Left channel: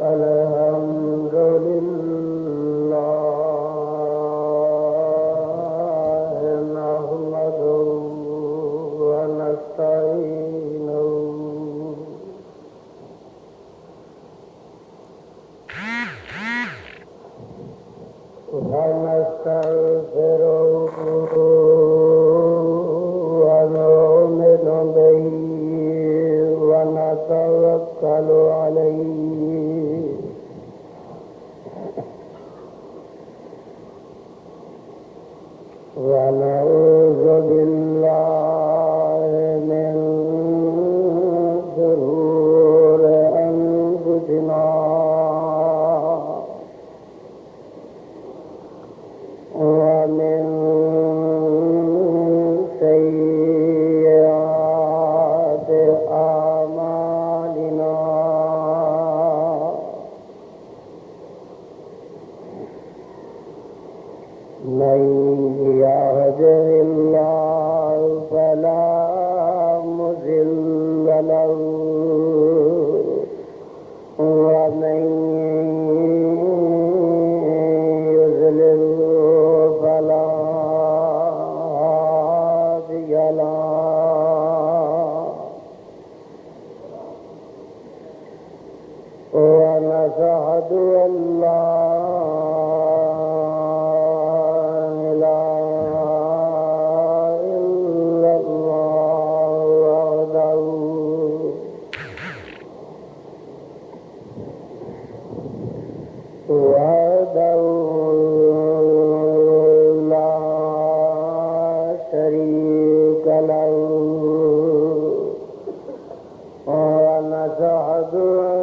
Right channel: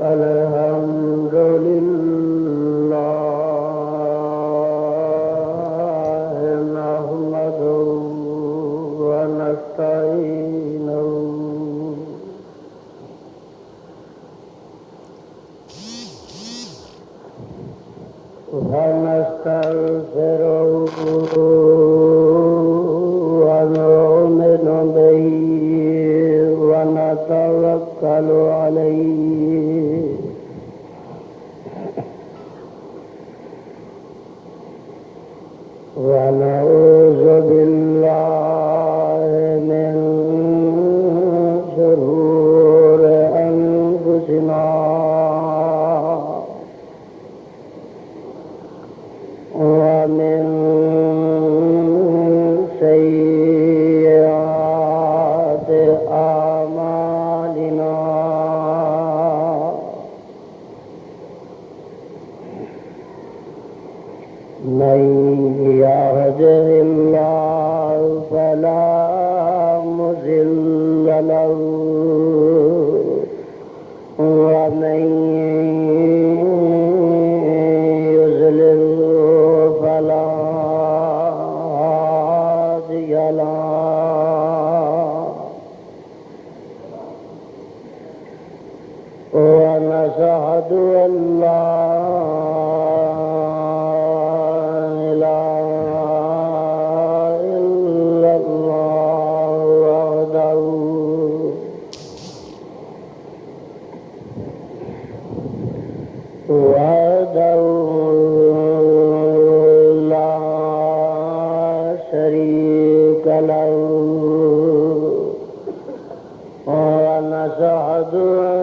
الحمد لله نحمده ونستعينه ونستغفره ونؤمن به ونتوكل عليه ونعوذ بالله من شرور أنفسنا ومن سيئات أعمالنا من يهده الله فلا مضل له ومن يضلل فلا هادي له ونشهد أن لا وحده لا شريك له ونشهد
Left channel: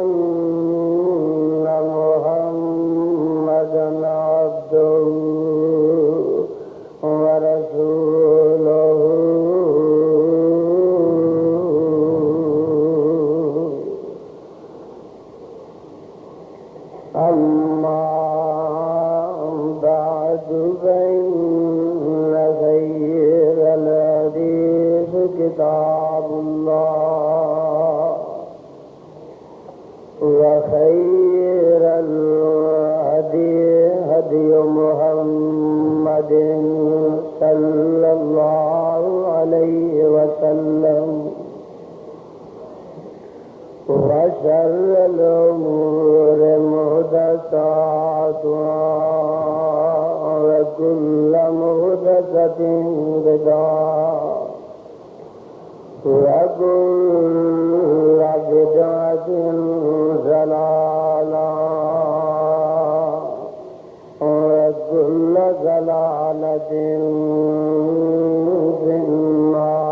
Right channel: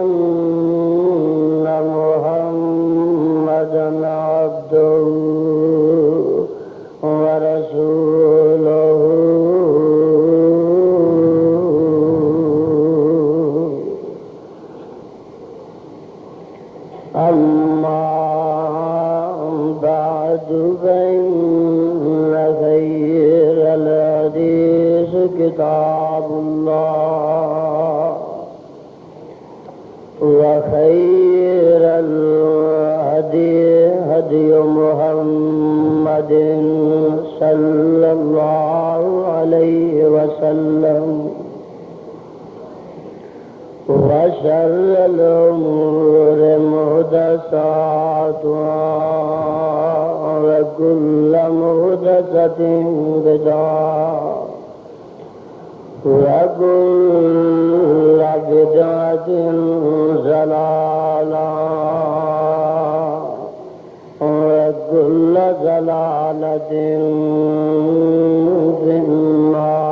أن محمدا عبده ورسوله أما بعد فإن خير الحديث كتاب الله وخير الهدي هدي محمد صلى الله عليه وسلم وشر الأمور محدثاتها وكل محدثة بدعة وكل بدعة ضلالة وكل ضلالة في النار.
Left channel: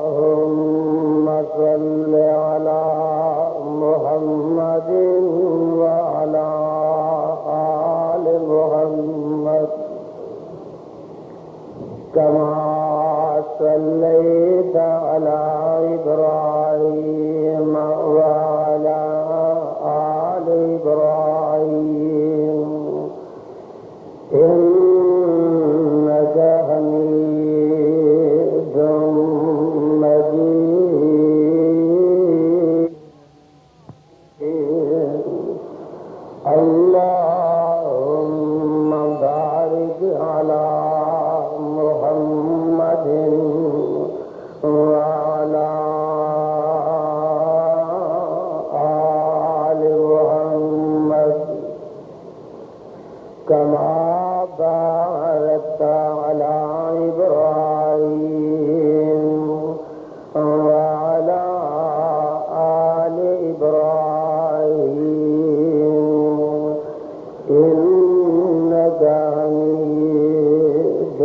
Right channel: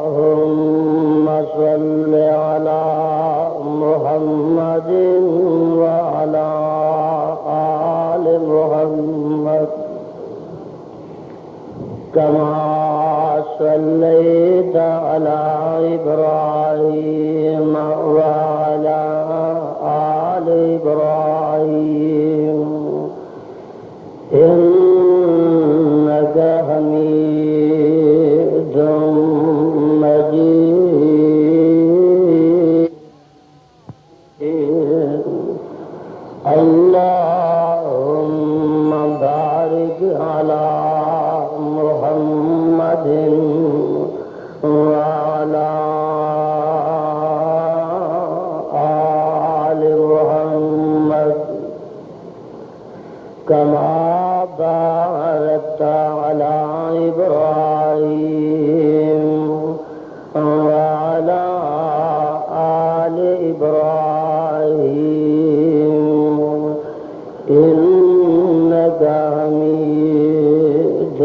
اللهم صل على محمد وعلى آل محمد كما صليت على إبراهيم وعلى آل إبراهيم إنك حميد مجيد. اللهم بارك على محمد وعلى آل محمد كما باركت على إبراهيم وعلى آل إبراهيم إنك حميد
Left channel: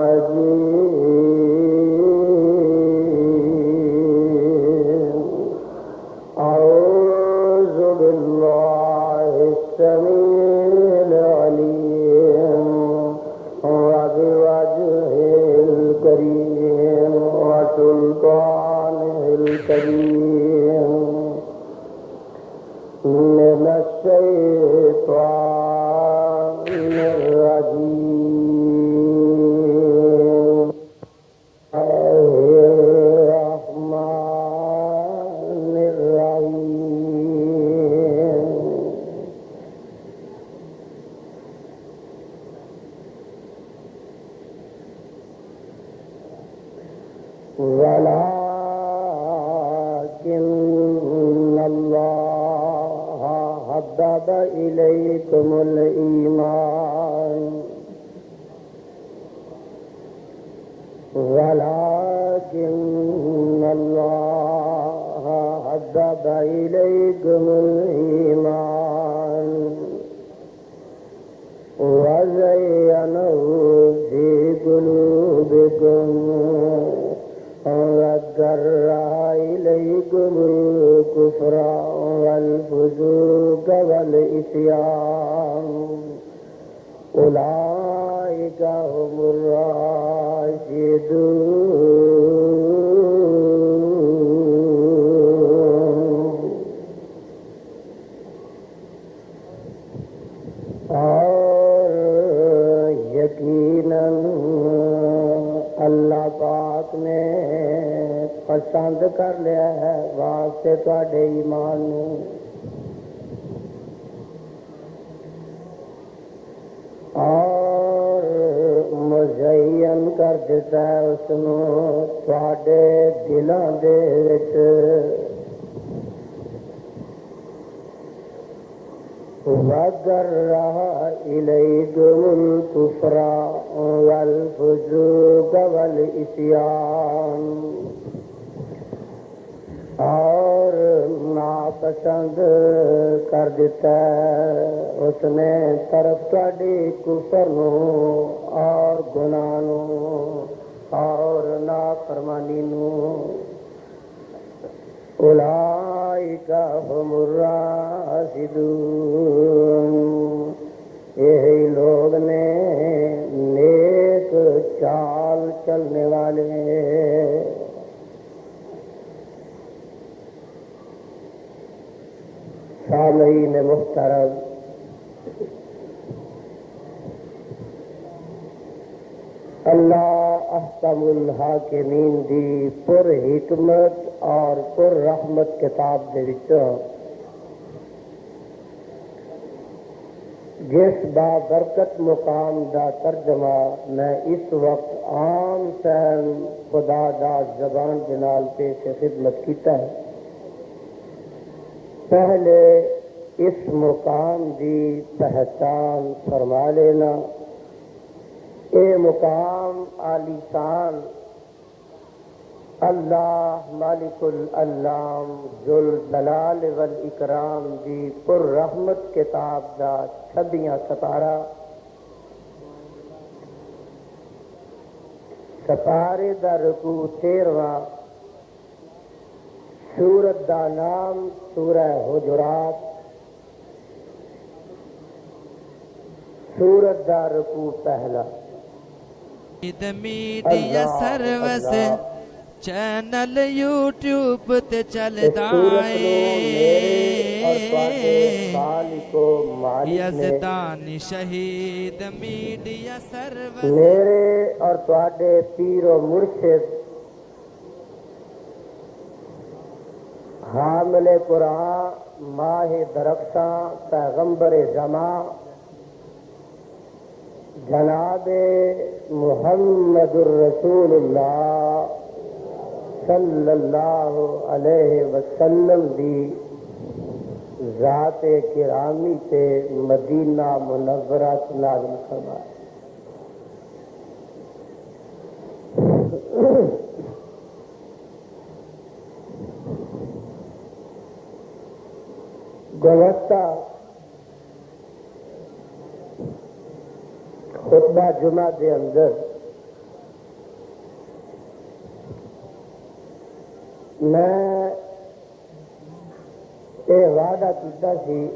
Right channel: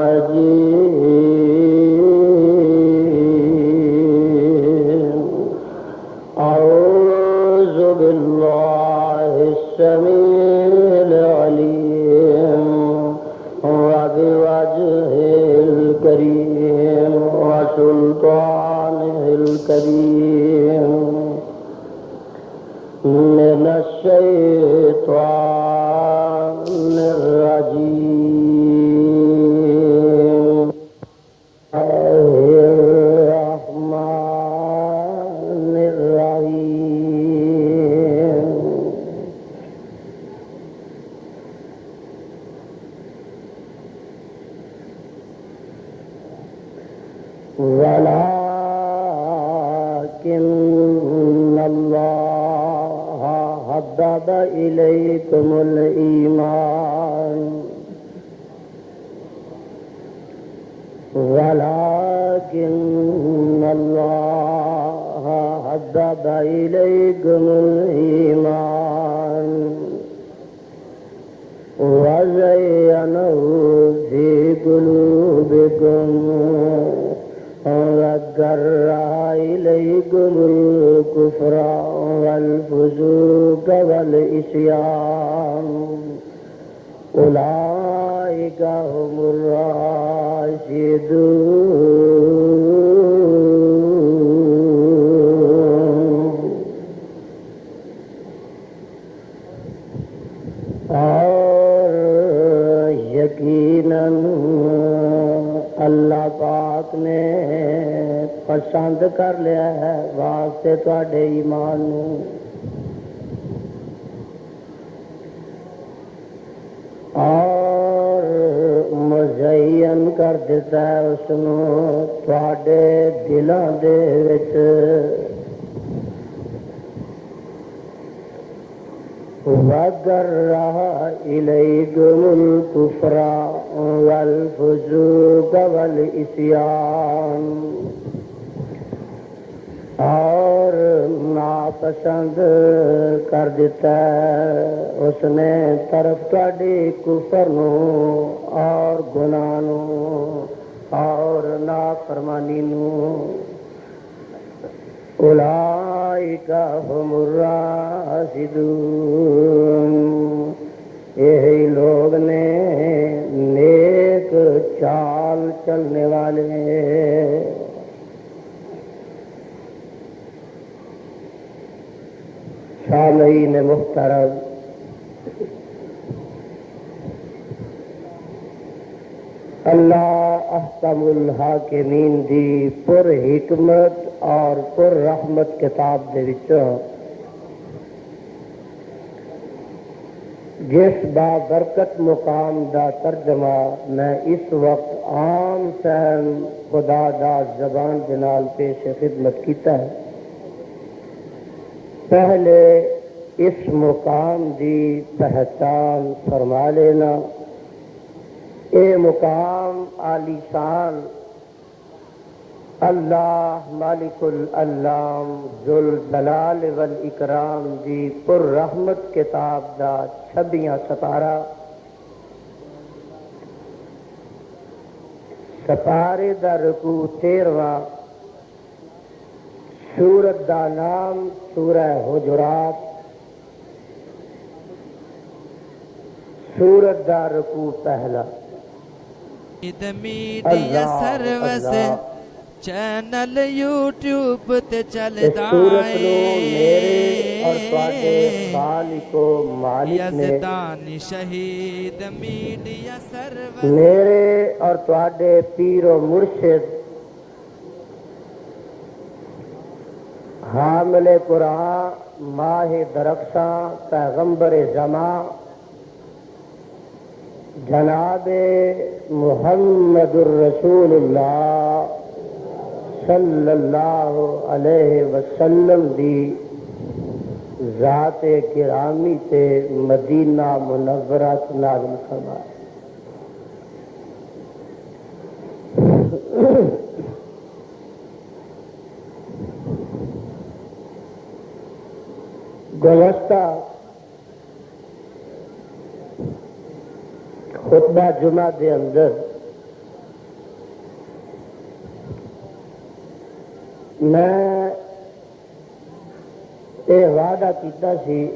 مجيد. أعوذ بالله السميع العليم وبوجهه الكريم وسلطانه قرآنه الكريم من الشيطان الرجيم الرحمن الرحيم ولكن الله حبب إليكم الإيمان ولكن الله حبب إليكم الإيمان وزينه في قلوبكم وكره إليكم الكفر والفسوق والعصيان أولئك هم الراشدون اور یقیناً اللہ پاک نے پسند کر لیا ہے واسطے تواڈے ایمان نوں اور مزین کر دیتا ہے اس نوں تواڈے دلاں دے وچ وَكَرَّهَ إِلَيْكُمُ الْكُفْرَ وَالْفُسُوقَ وَالْعِصْيَانَ اور ناپسند کر دیتا ہے اس نے طرف تواڈی کفر نوں اور گناہ نوں اور نافرمانی نوں اولئک هم الراشدون یہی لوگ نے نیک چال چلنے والے سامعین محترم اللہ احکم الحاکمین دی پر حکمت اور پر رحمت کتاب دے وچوں جس بابرکت مقام دا ترجمہ میں اس وقت عام سہل خدا دا زبان دے نال پیش خدمت کیتا ہے پہلے اس مقام دی پہچان فرما لینا اے مقام عالی شان اللہ مالک العلام ذوالجلال والاکرام دی پر رحمت کتاب دا 26 سپارہ سپارے دا رکوع 13واں سورت دا نام سورہ حجرات سورت دا رکوع پہلا میڈیا سروس چینل یوٹیوب تے چلدا اے یزدانی شہید میڈیا سروس میرے اور تواڈے پیر و مرشد حامل قرآن ماہ درخشاں پیغمبر زمان جناب محمد الرسول اللہ صلی اللہ علیہ وسلم دی ذات گرامی تے مدینہ منورہ نازل فرمائے گزشتہ خطبہ جمعہ دے اندر میں یہ وعدہ کیتا سی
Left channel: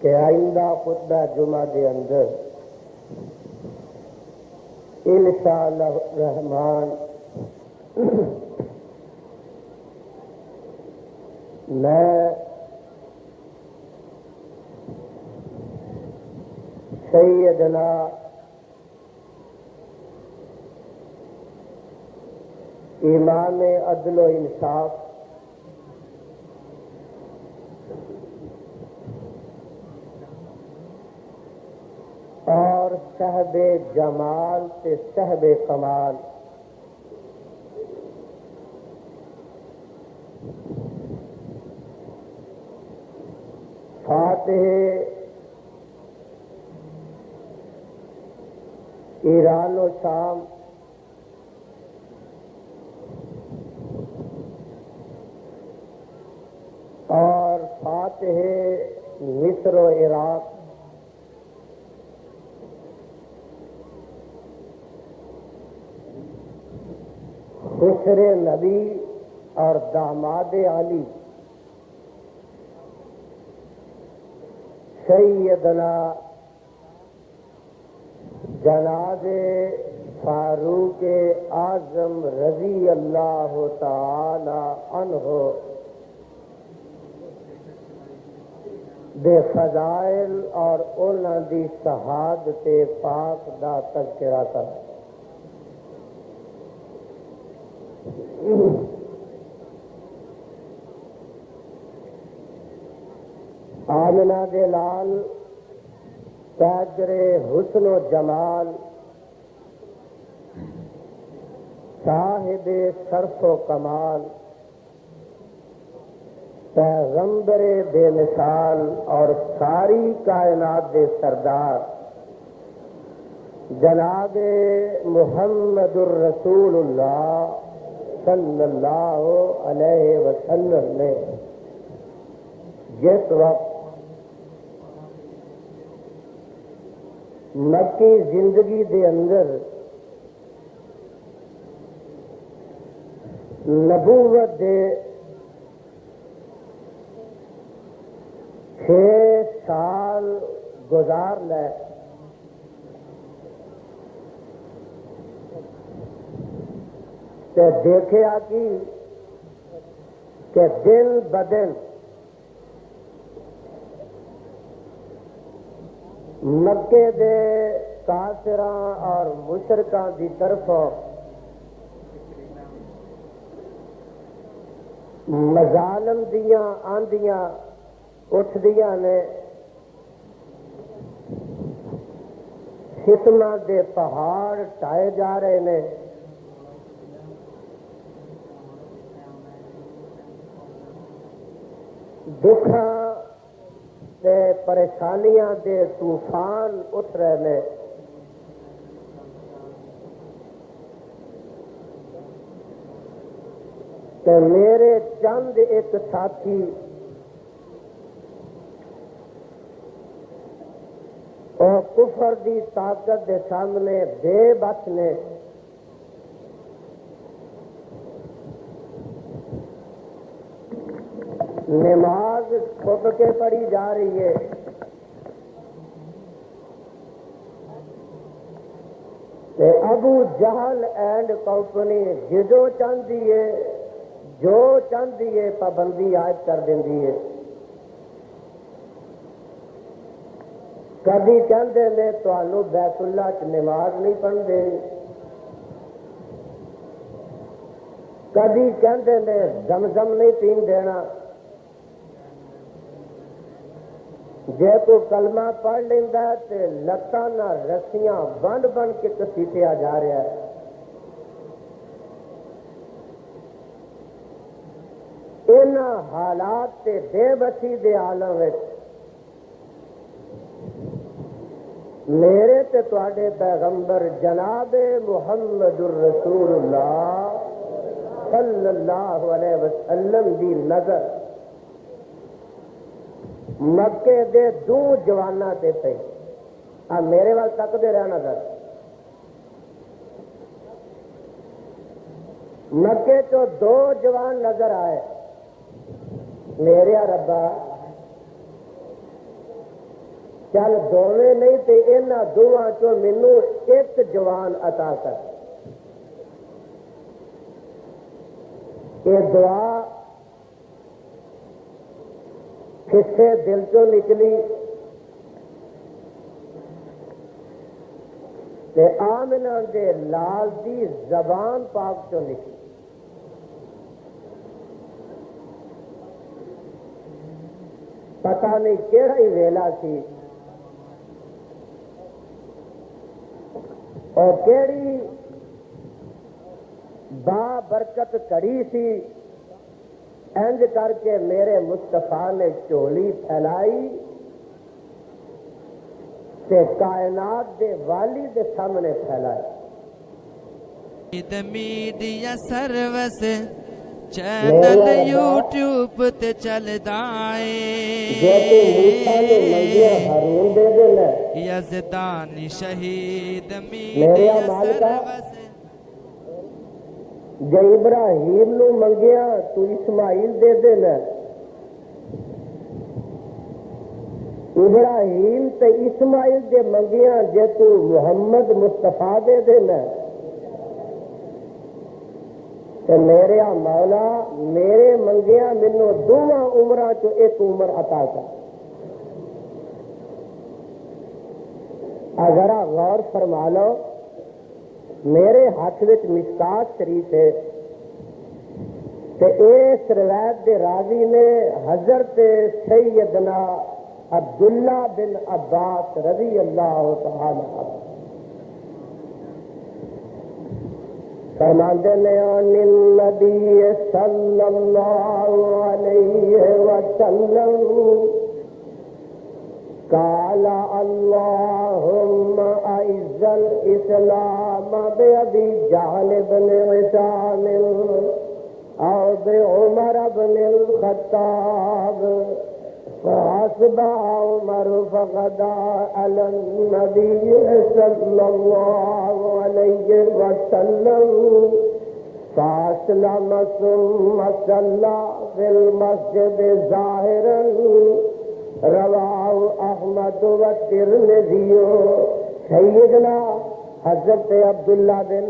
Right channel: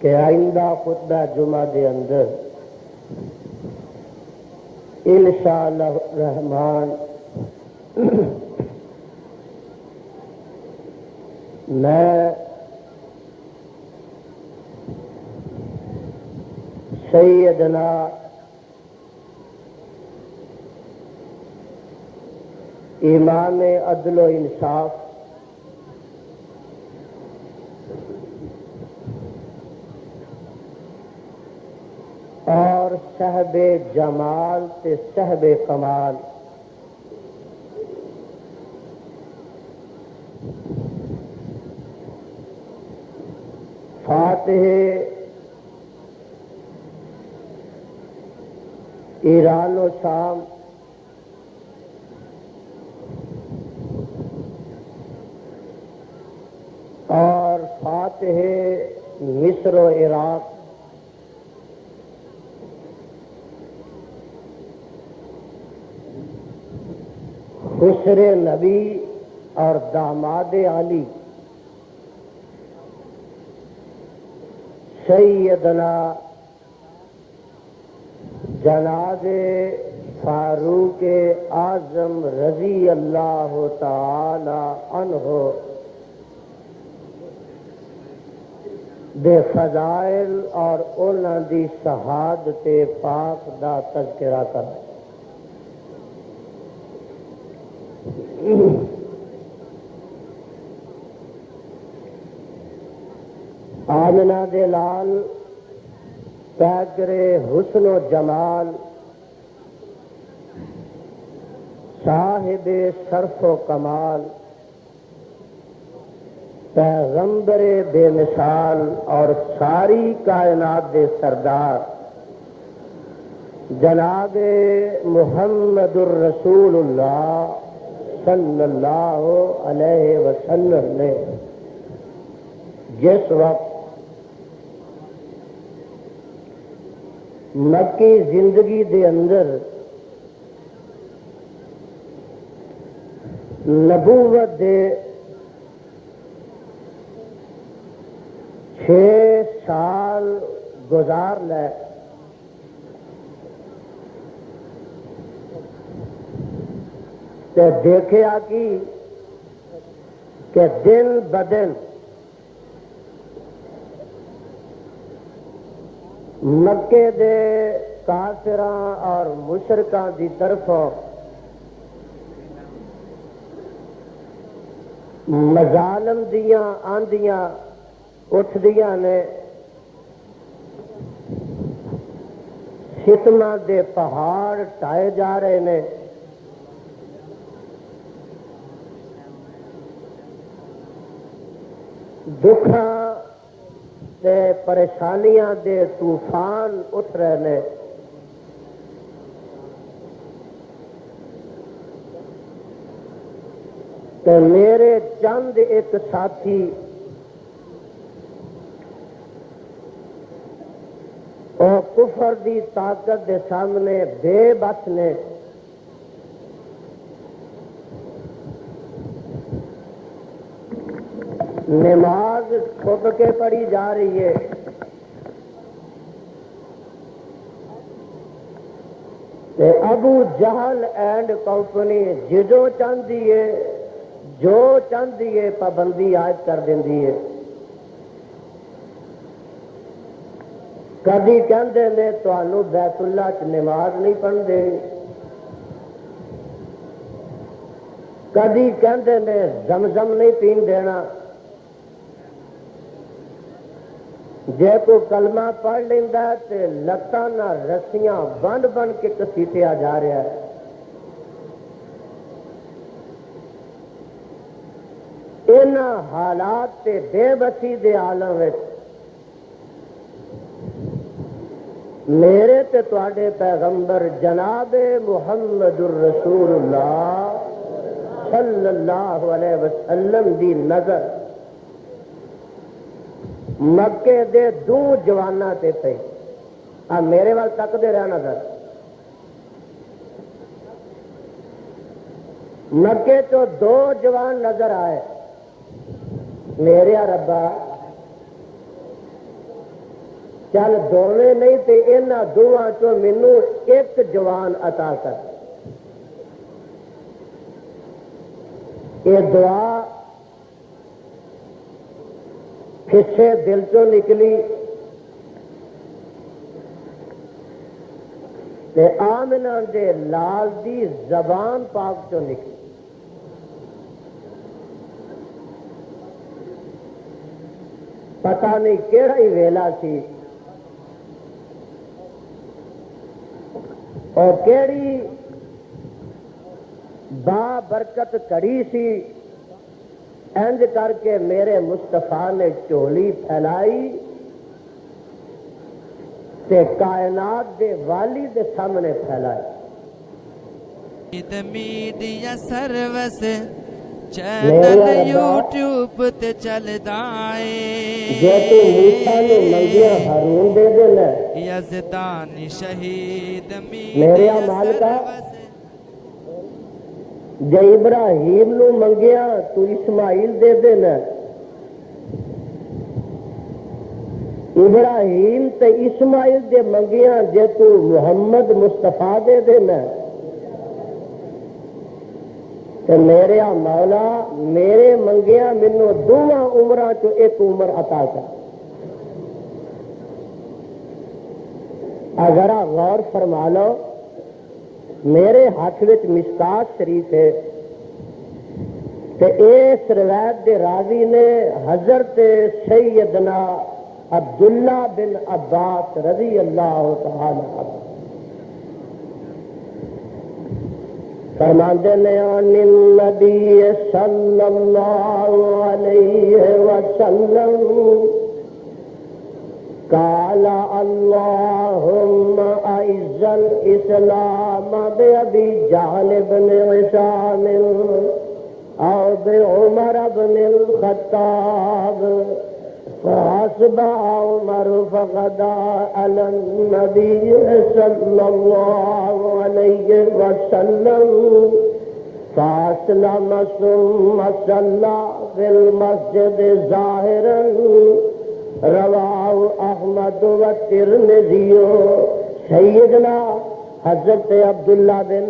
کہ آئندہ خطبہ جمعہ دے اندر انشاءاللہ الرحمن میں سیدنا امام عدل و انصاف اور صاحب جمال تے صاحب کمال فاتح ایران و شام اور فاتح مصر و عراق خسر نبی اور داماد علی سیدنا جناب فاروق اعظم رضی اللہ تعالی عنہ دے فضائل اور انہاں دی شہادت پاک دا تذکرہ کر آمنہ دے لال پیکر حسن و جمال صاحب شرف و کمال پیغمبر بے مثال اور ساری کائنات دے سردار جناب محمد الرسول اللہ صلی اللہ علیہ وسلم نے جس وقت مکی زندگی دے اندر نبوت دے 6 سال گزار لے تے دیکھیا کہ دن بدن مکے دے کافراں اور مشرکاں دی طرفوں مظالم دیاں آندیاں اٹھ دیاں نے ستماں دے پہاڑ ٹائے جا رہے نے دکھاں تے پریشانیاں دے طوفان اٹھ رہے نے تے میرے چند ایک ساتھی اور کفر دی طاقت دے سامنے بے بس نے نماز چھپ کے پڑھی جا رہی ہے تے ابو جہل اینڈ کمپنی جو چاہتی ہے پابندی عائد کر دینی ہے کبھی کہندے نے تانوں بیت اللہ چ نماز نہیں پڑھتے کبھی کہندے نے زمزم نہیں پین دینا جے کو کلمہ پڑھ لینا تے لتاں نہ رسیاں بن بن کے کسیٹیا جا رہا ہے ان حالات تے بے بسی دے عالم وچ میرے تے تواڈے پیغمبر جناب محمد الرسول اللہ صلی اللہ علیہ وسلم دی نظر مکے دے 2 جواناں تے پئی میرے وال تکدے رہ نظر مکے تو 2 جوان نظر آئے میرے ربا چل دونوں نہیں تے انہاں دوواں چوں مینوں ایک جوان عطا کر. یہ دعا کسے دل چوں نکلی تے آمنہ دے لال دی زبان پاک چوں نکلی. پتہ نہیں کیڑا ہی ویلا سی اور کیڑی با برکت کڑی سی. انج کر کے میرے مصطفیٰ نے چولی پھیلائی تے کائنات دے والی دے سامنے پھیلائی. میڈیا سروس چینل یوٹیوب تے چلدا اے یزدانی شہید میڈیا سروس. جے ابراہیم نو منگیا تو اسماعیل دے دینا. ابراہیم تے اسماعیل دے منگیا جے تو محمد مصطفیٰ دے دینا. تے میرے مولا میرے منگیا مینوں دونوں عمراں چوں ایک عمر عطا کر. اگر غور فرما لو میرے ہاتھ وچ مشکات شریف ہے تے اس روایت دے راوی نے حضرت سیدنا عبداللہ بن عباس رضی اللہ تعالی عنہ فرماندے نے عن النبی صلی اللہ علیہ وسلم قال اللهم اعز الاسلام بابي جهل بن هشام او بعمر بن الخطاب فاصبح عمر فغدا على النبي صلى الله عليه وسلم فاسلم ثم صلى في المسجد ظاهرا رواہ احمد و ترمذی. سیدنا حضرت عبداللہ بن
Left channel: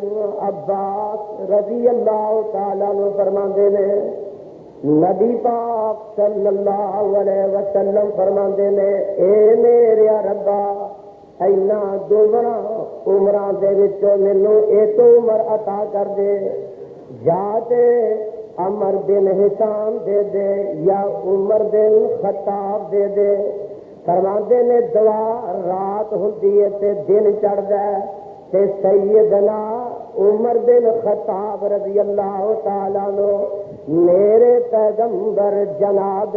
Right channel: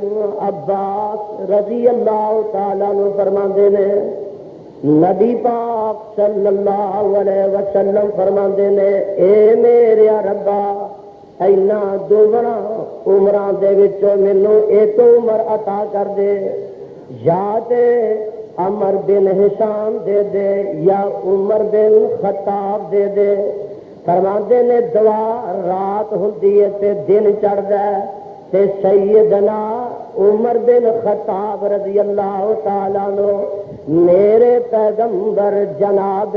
عباس رضی اللہ تعالیٰ عنہ فرماندے نے نبی پاک صلی اللہ علیہ وسلم فرماندے نے اے میرے ربا اینا دوبرا عمراں دے وچوں مینوں ایک عمر عطا کر دے. یا تے عمر بن ہشام دے دے یا عمر بن خطاب دے دے. فرماندے نے دعا رات ہوندی ہے تے دن چڑھدا ہے تے سیدنا عمر بن خطاب رضی اللہ تعالیٰ عنہ میرے پیغمبر جناب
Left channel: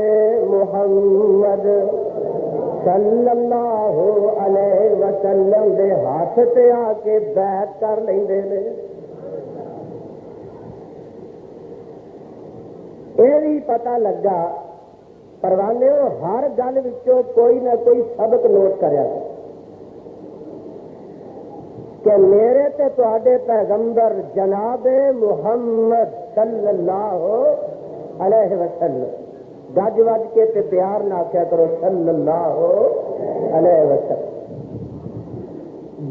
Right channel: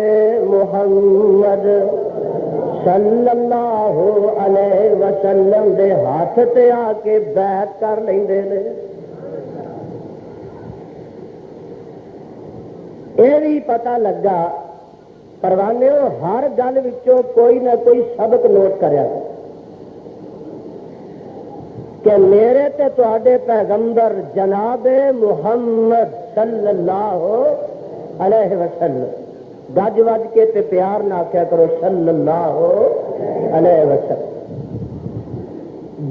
محمد صلی اللہ علیہ وسلم دے ہاتھ تے آ کے بیعت کر لیندے نے. یہ بھی پتہ لگا پروانے ہر گل وچوں کوئی نہ کوئی سبق نوٹ کریا کہ میرے تے تواڈے پیغمبر جناب محمد صلی اللہ علیہ وسلم گج وج کے تے پیار نہ آخیا کرو صلی اللہ علیہ وسلم.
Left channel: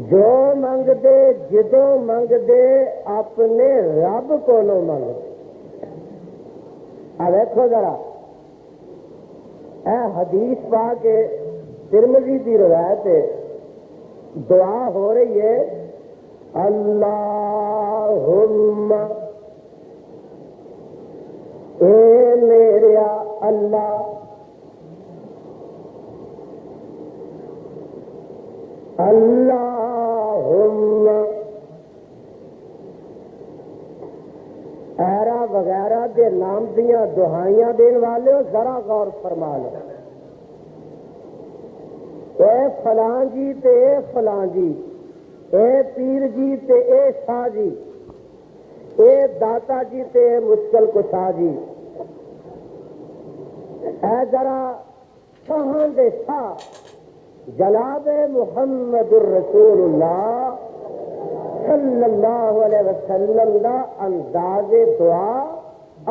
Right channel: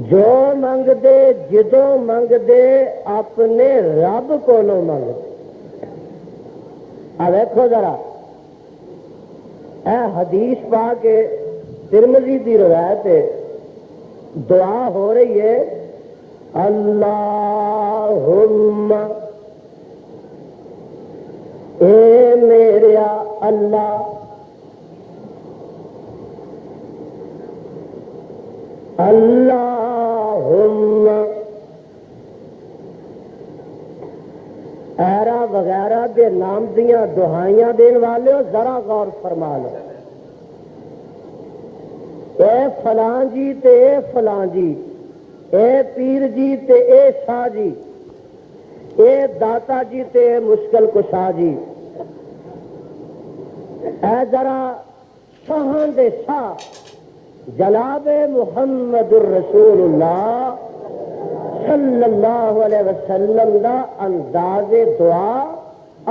جو منگ دے جدوں منگ دے اپنے رب کولوں منگ دے. دیکھو ذرا اے حدیث پا کے ترمذی دی روایت ہے دعا ہو رہی ہے اللہم اے میرے اللہ اللہم ایرا وغیرہ دے نام دیاں دعائیاں دین والے ہو ذرا غور فرما لو. اے فلاں جی تے اے فلاں جی اے پیر جی تے اے شاہ جی اے داتا جی تے اے مشکل کشا جی اے ذرا شاہاں دے شاہ جناب محمد الرسول اللہ صلی اللہ علیہ وسلم دا انداز دعا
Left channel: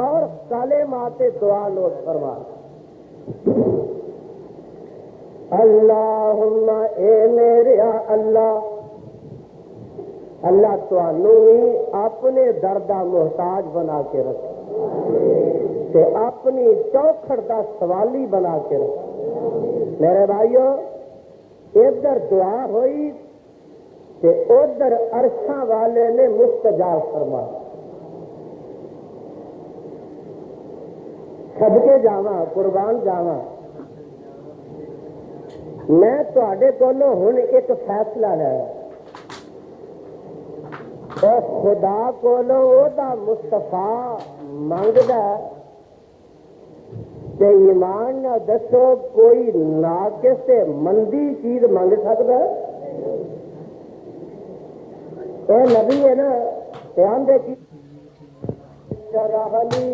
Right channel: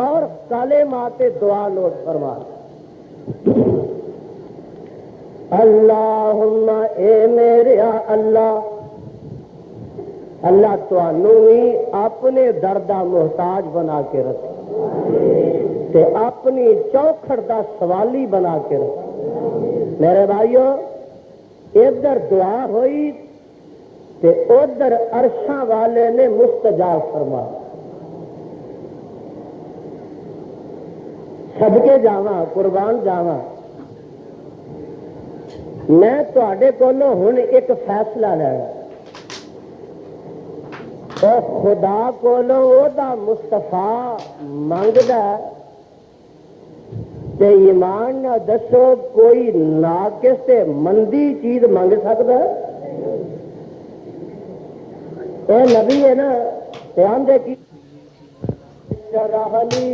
اور کلمات دعا نوٹ فرما. اللہم اے میرے اللہ، اللہ تانوں بھی اپنے دردہ محتاج بنا کے رکھے تے اپنی چوکھڑ دا سوالی بنا کے رکھے۔ میرے بھائیو، ادھر دعا ہوئی تے ادھر عرشاں والے نے مستجاب فرما۔ صدقے جاواں، قربان جاواں، میں تواڈے کولوں ہن ایک فیصلہ لینا، او خدا کولوں او دا مصطفیٰ منگدا تے ایمان نہ دسو کوئی ناقص تے مندی چیز منگ سکدا؟ اے نبی ہے نا، دھیان دے کی شرح لی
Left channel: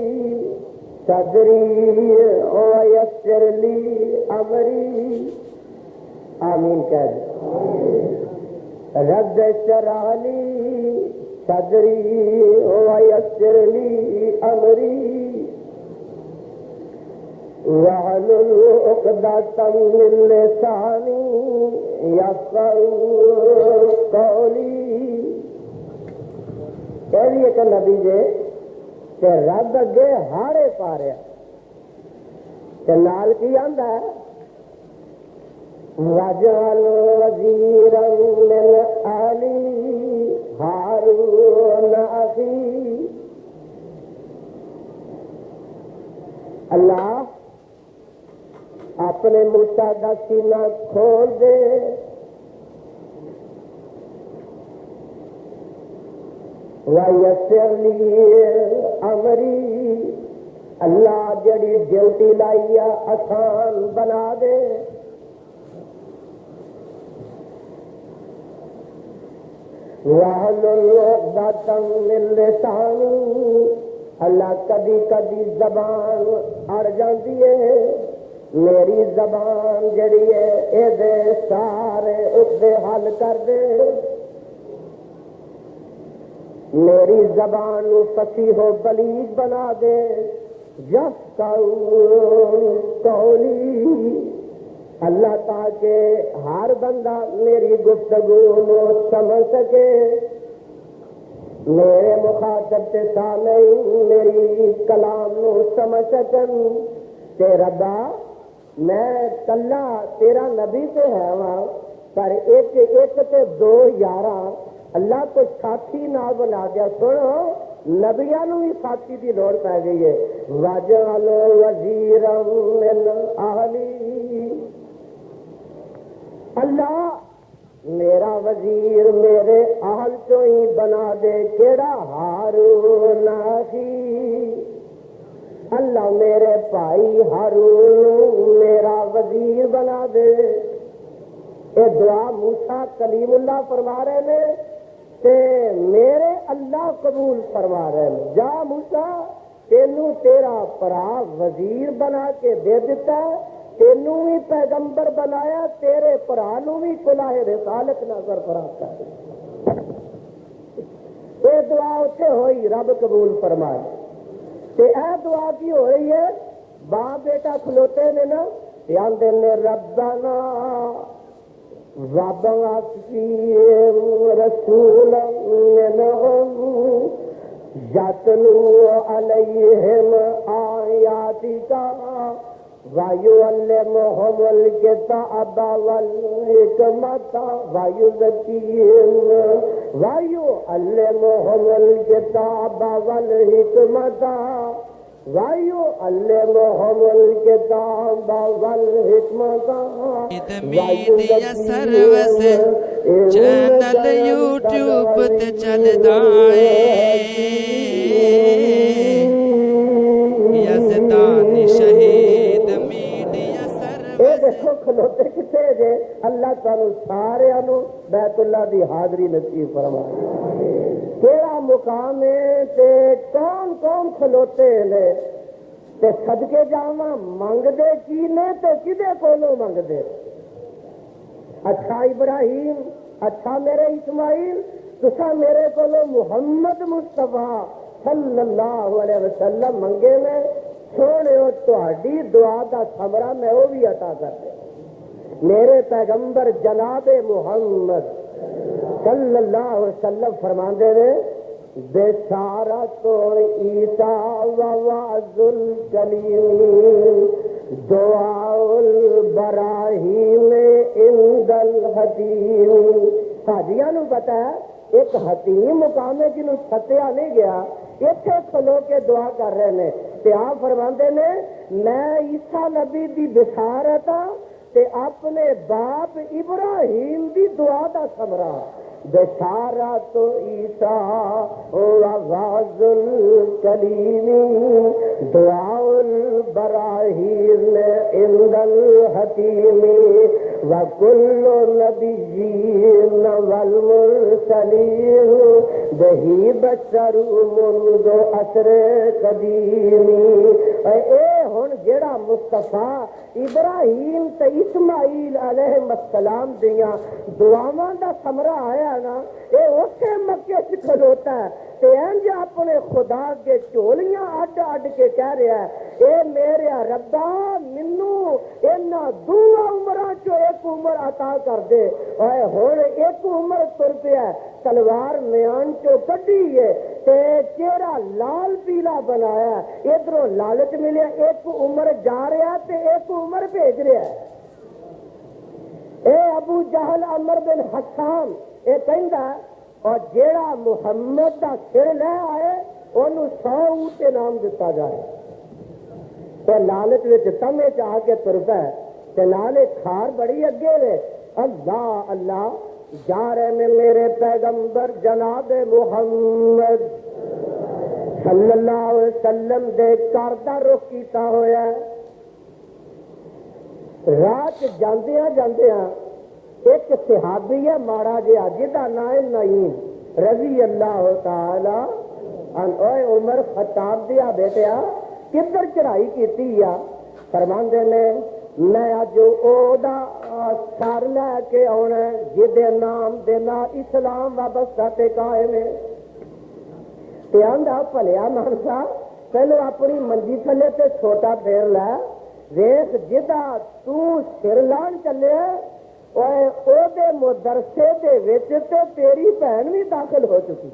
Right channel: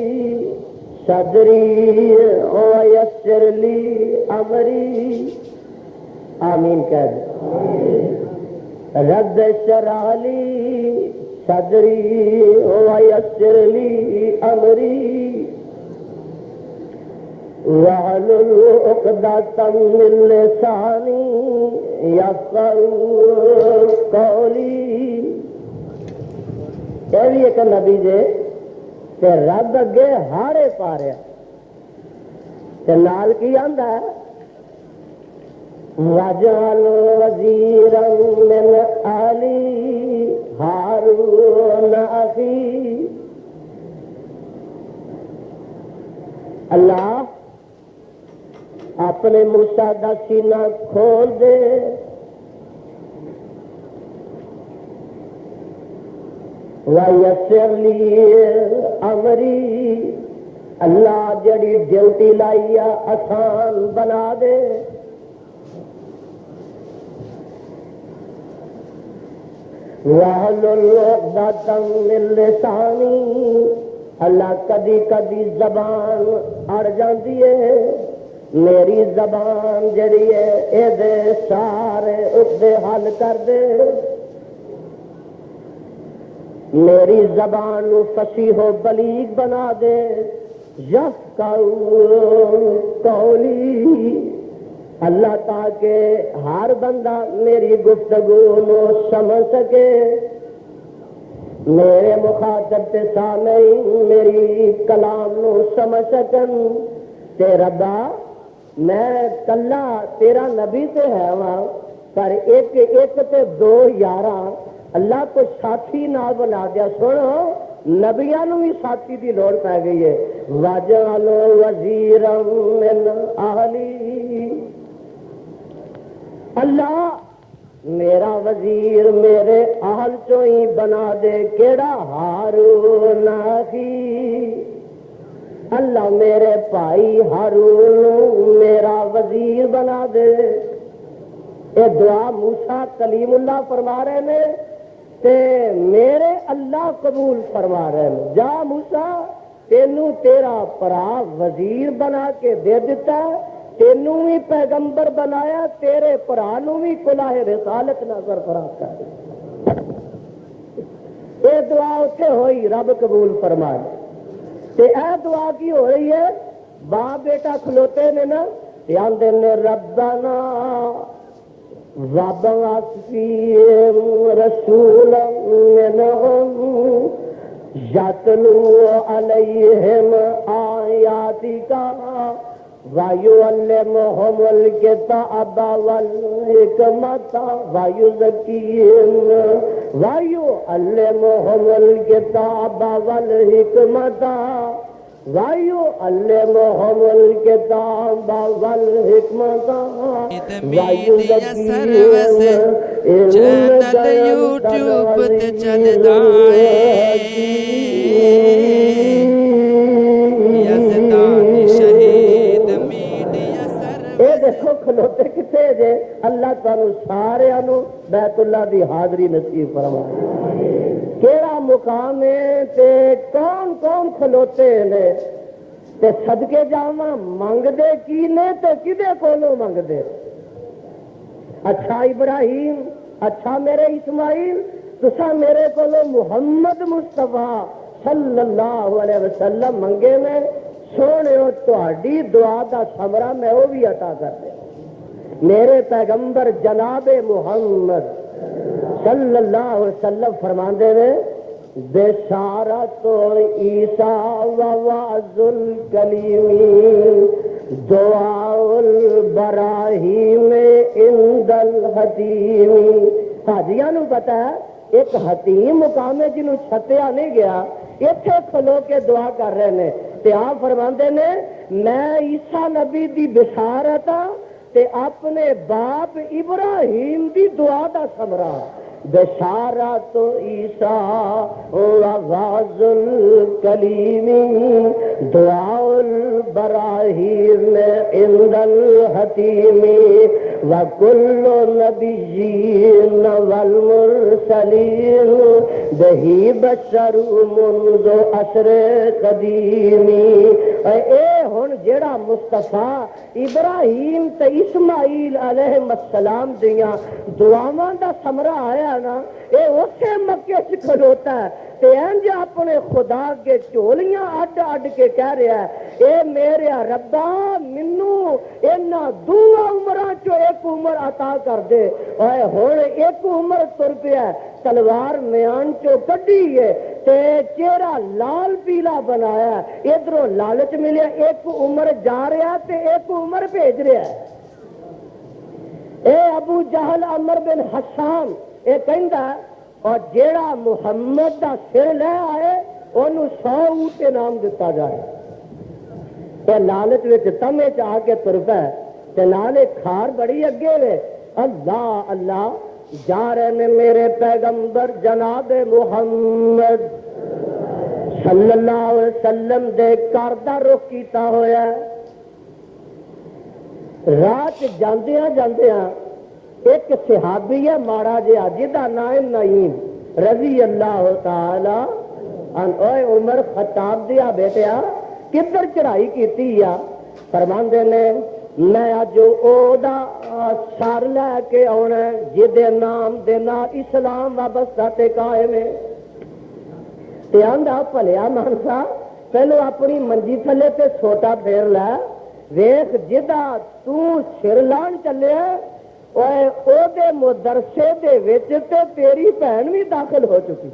صدری ویسر لی امری، آمین کہہ دے۔ رب اشرح لی صدری ویسر لی امری واحلل عقدۃ من لسانی یفقہوا قولی۔ یہ بھی ایک نبی جے تے رب اگے ہارے پا رہا تے نال کی آندا ہے، وَاجْعَلْ وَزِيرًا مِّنْ أَهْلِي هَارُونَ أَخِي۔ اللہ اپنے موسیٰ دا سینہ کھول دے، وَيَسِّرْ لِي أَمْرِي، اللہ جڑی ڈیوٹی لائی آسان بنا دے۔ وَاحْلُلْ عُقْدَةً مِّن لِّسَانِي، اللہ کدی کدی زبان اڑ جاندی ہے، میری زبان جڑی ہے اے دے سارے عقدے حل کر دے، میری زبان فصیح و بلیغ بنا دے، یفقہوا قولی، اللہ تاکہ ہر بندہ میری گفتگو نو سمجھ سکے، میرے مخاطب تے سامعین میری کلام نو سمجھ سکن تے ربا میں کلا تیرا نبی تے ہے وہاں پر ایک ایک تے دو یاراں اللہ کو ساتھی نہ بنا دیا۔ سنو نبیاں نو بھی ساتھی دی لوڑ پہ گئی ہے۔ وَاجْعَلْ وَزِيرًا مِّنْ أَهْلِي، اللہ میرا وزیر میرے اہل چوں ہی بنا دے، کیڑا؟ ہارون اخی، اللہ میرے بھائی ہارون میرا وزیر بنا دے۔ یہ دعا موسیٰ کلیم اللہ فرما رہے ہیں تے میرے اللہ قبول فرما رہے ہیں۔ جا موسیٰ، تینوں تیرا پرا وزیر بنا کے دے دیتا ہے، تینوں بھی پیغمبر بنایا، تیرے پرا نو بھی کلاہ رسالت نہ سرفراز کر دے۔ یہ دعا اتنے ہوئی، رب قبول فرمائے۔ تے اے دعا کی ہو رہی ہے؟ باپ بیٹا کھلوتے نے نا، آندے نے ربنا وَابْعَثْ فِيهِمْ رَسُولًا مِّنْهُمْ يَتْلُو عَلَيْهِمْ آيَاتِكَ وَيُعَلِّمُهُمُ الْكِتَابَ وَالْحِكْمَةَ وَيُعَلِّمُهُمُ الْكِتَابَ وَالْحِكْمَةَ میڈیا سروس چینل یوٹیوب تے چلدا اے، یزدانی شہید میڈیا سروس۔ دیکھو کھلوتے کتنے جے، اللہ تعالی سارے بیت اللہ دی حاضری نصیب فرمائے۔ کیڑا مقام ہے تے کون کون کھلوتے نے تے صدقے جاواں منگ دے کی نے تے کدے کولوں منگ دے؟ اچھا ابراہیم، اچھا میرے اسماعیل، تسا میرے کولوں محمد مصطفیٰ صلی اللہ علیہ وسلم منگے میں، سونے تہاڈی دعا دا ثمرہ میں وہ بھی عطا کر دے۔ میرے پیغمبر جناب محمد صلی اللہ علیہ وسلم فرماندے نے بشارت عیسیٰ و وعظ الکلیم دعاء البراہیم عند الحتیم. حاجیاں نو پتا ہے ایک حتیم مقام ہے جنہوں چھتیا نہیں گیا, اتنے کھلو کے دعا کر رہے ہیں. تے آپ فرماندے نے میں عیسیٰ نبی دی بشارت تے اپنے باپ ابراہیم دی دعا دا ثمرہ. بشارت عیسیٰ وعظ الکلیم دعاء البراہیم عند الحتیم وکل نبیین والمرسلین بہی بشر منذ عصر قدیم. اے ہن جیڑا مصطفیٰ ابراہیم تے اسماعیل علیہ السلام دیاں دعاواں دا ثمرہ آیا نا, اے اسے مکے چ کھلوتا ہے تے انج اپنے خدا کے چولیاں اڈ اڈ کے کہہ رہا ہے اے میرے ربا مینوں انہاں دوواں عمراں چوں ایک عمر عطا کر دے. اے ہن ایک عمر تر پیا تلوار میان چوں کڈی ہے تے چہرہ لال پیلا بنایا, ادھروں لالچ ملیا ایک عمر جا رہا تے ایک عمر بھیج رہا ہے. اے ابو جہل عمر بن حسان اے کہندا اور جیڑا محمد دا سر لے آئے انہوں 100 اونٹ انعام دتا جائے. تے لالچ وچ تمے چ آ کے تر پے تے نالے کھار بڑی اگے وے. اللہ اللہ جا رہے نے میرے پیغمبر جناب محمد صلی اللہ علیہ وسلم دے گھر دا رخ کیتا ہویا ہے. رات جاندیاں جاندیاں ایک صحابی ہے ماڑا جہا جہاں نام نعیم رضی اللہ تعالی عنہ. اے عمر خطاب دیا بیٹیا کدھر چڑھائی کیتی ہے؟ فرماندے نے میں اج او دا سر لے کے آنا جہدے نام دے نال اسلام وابستہ تے قائم ہے. تے آندا بھلیا مانسا پہلو اپنی منجی تھلے تے چھوٹا پھیر لے ویخ جدا تو سر لان چلے او دے مدرسے دے وچ تے تیری بہن بھی داخل ہو چکی,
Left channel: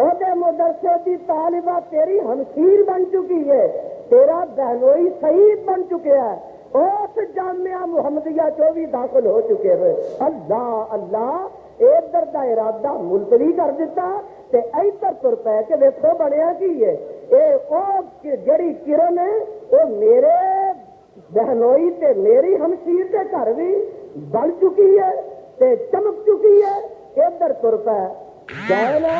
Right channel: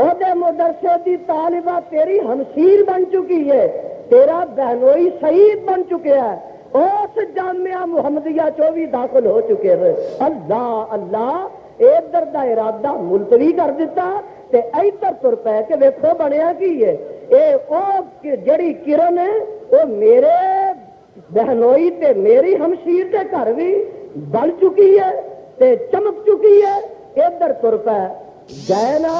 او دے مدرسے دی طالبہ تیری ہمشیر بن چکی ہے, تیرا بہنوئی شہید بن چکے ہے, اس جامعہ محمدیہ چو بھی داخل ہو چکے ہیں. اللہ اللہ ادھر دا ارادہ ملتوی کر دیتا تے ادھر تر پے کے ویکھو بنیا کی ہے. اے او جڑی کرن ہے او میرے بہنوئی تے میری ہمشیر تے گھر بھی بن چکی ہے تے چمک چکی ہے. ادھر تر پے جائے نا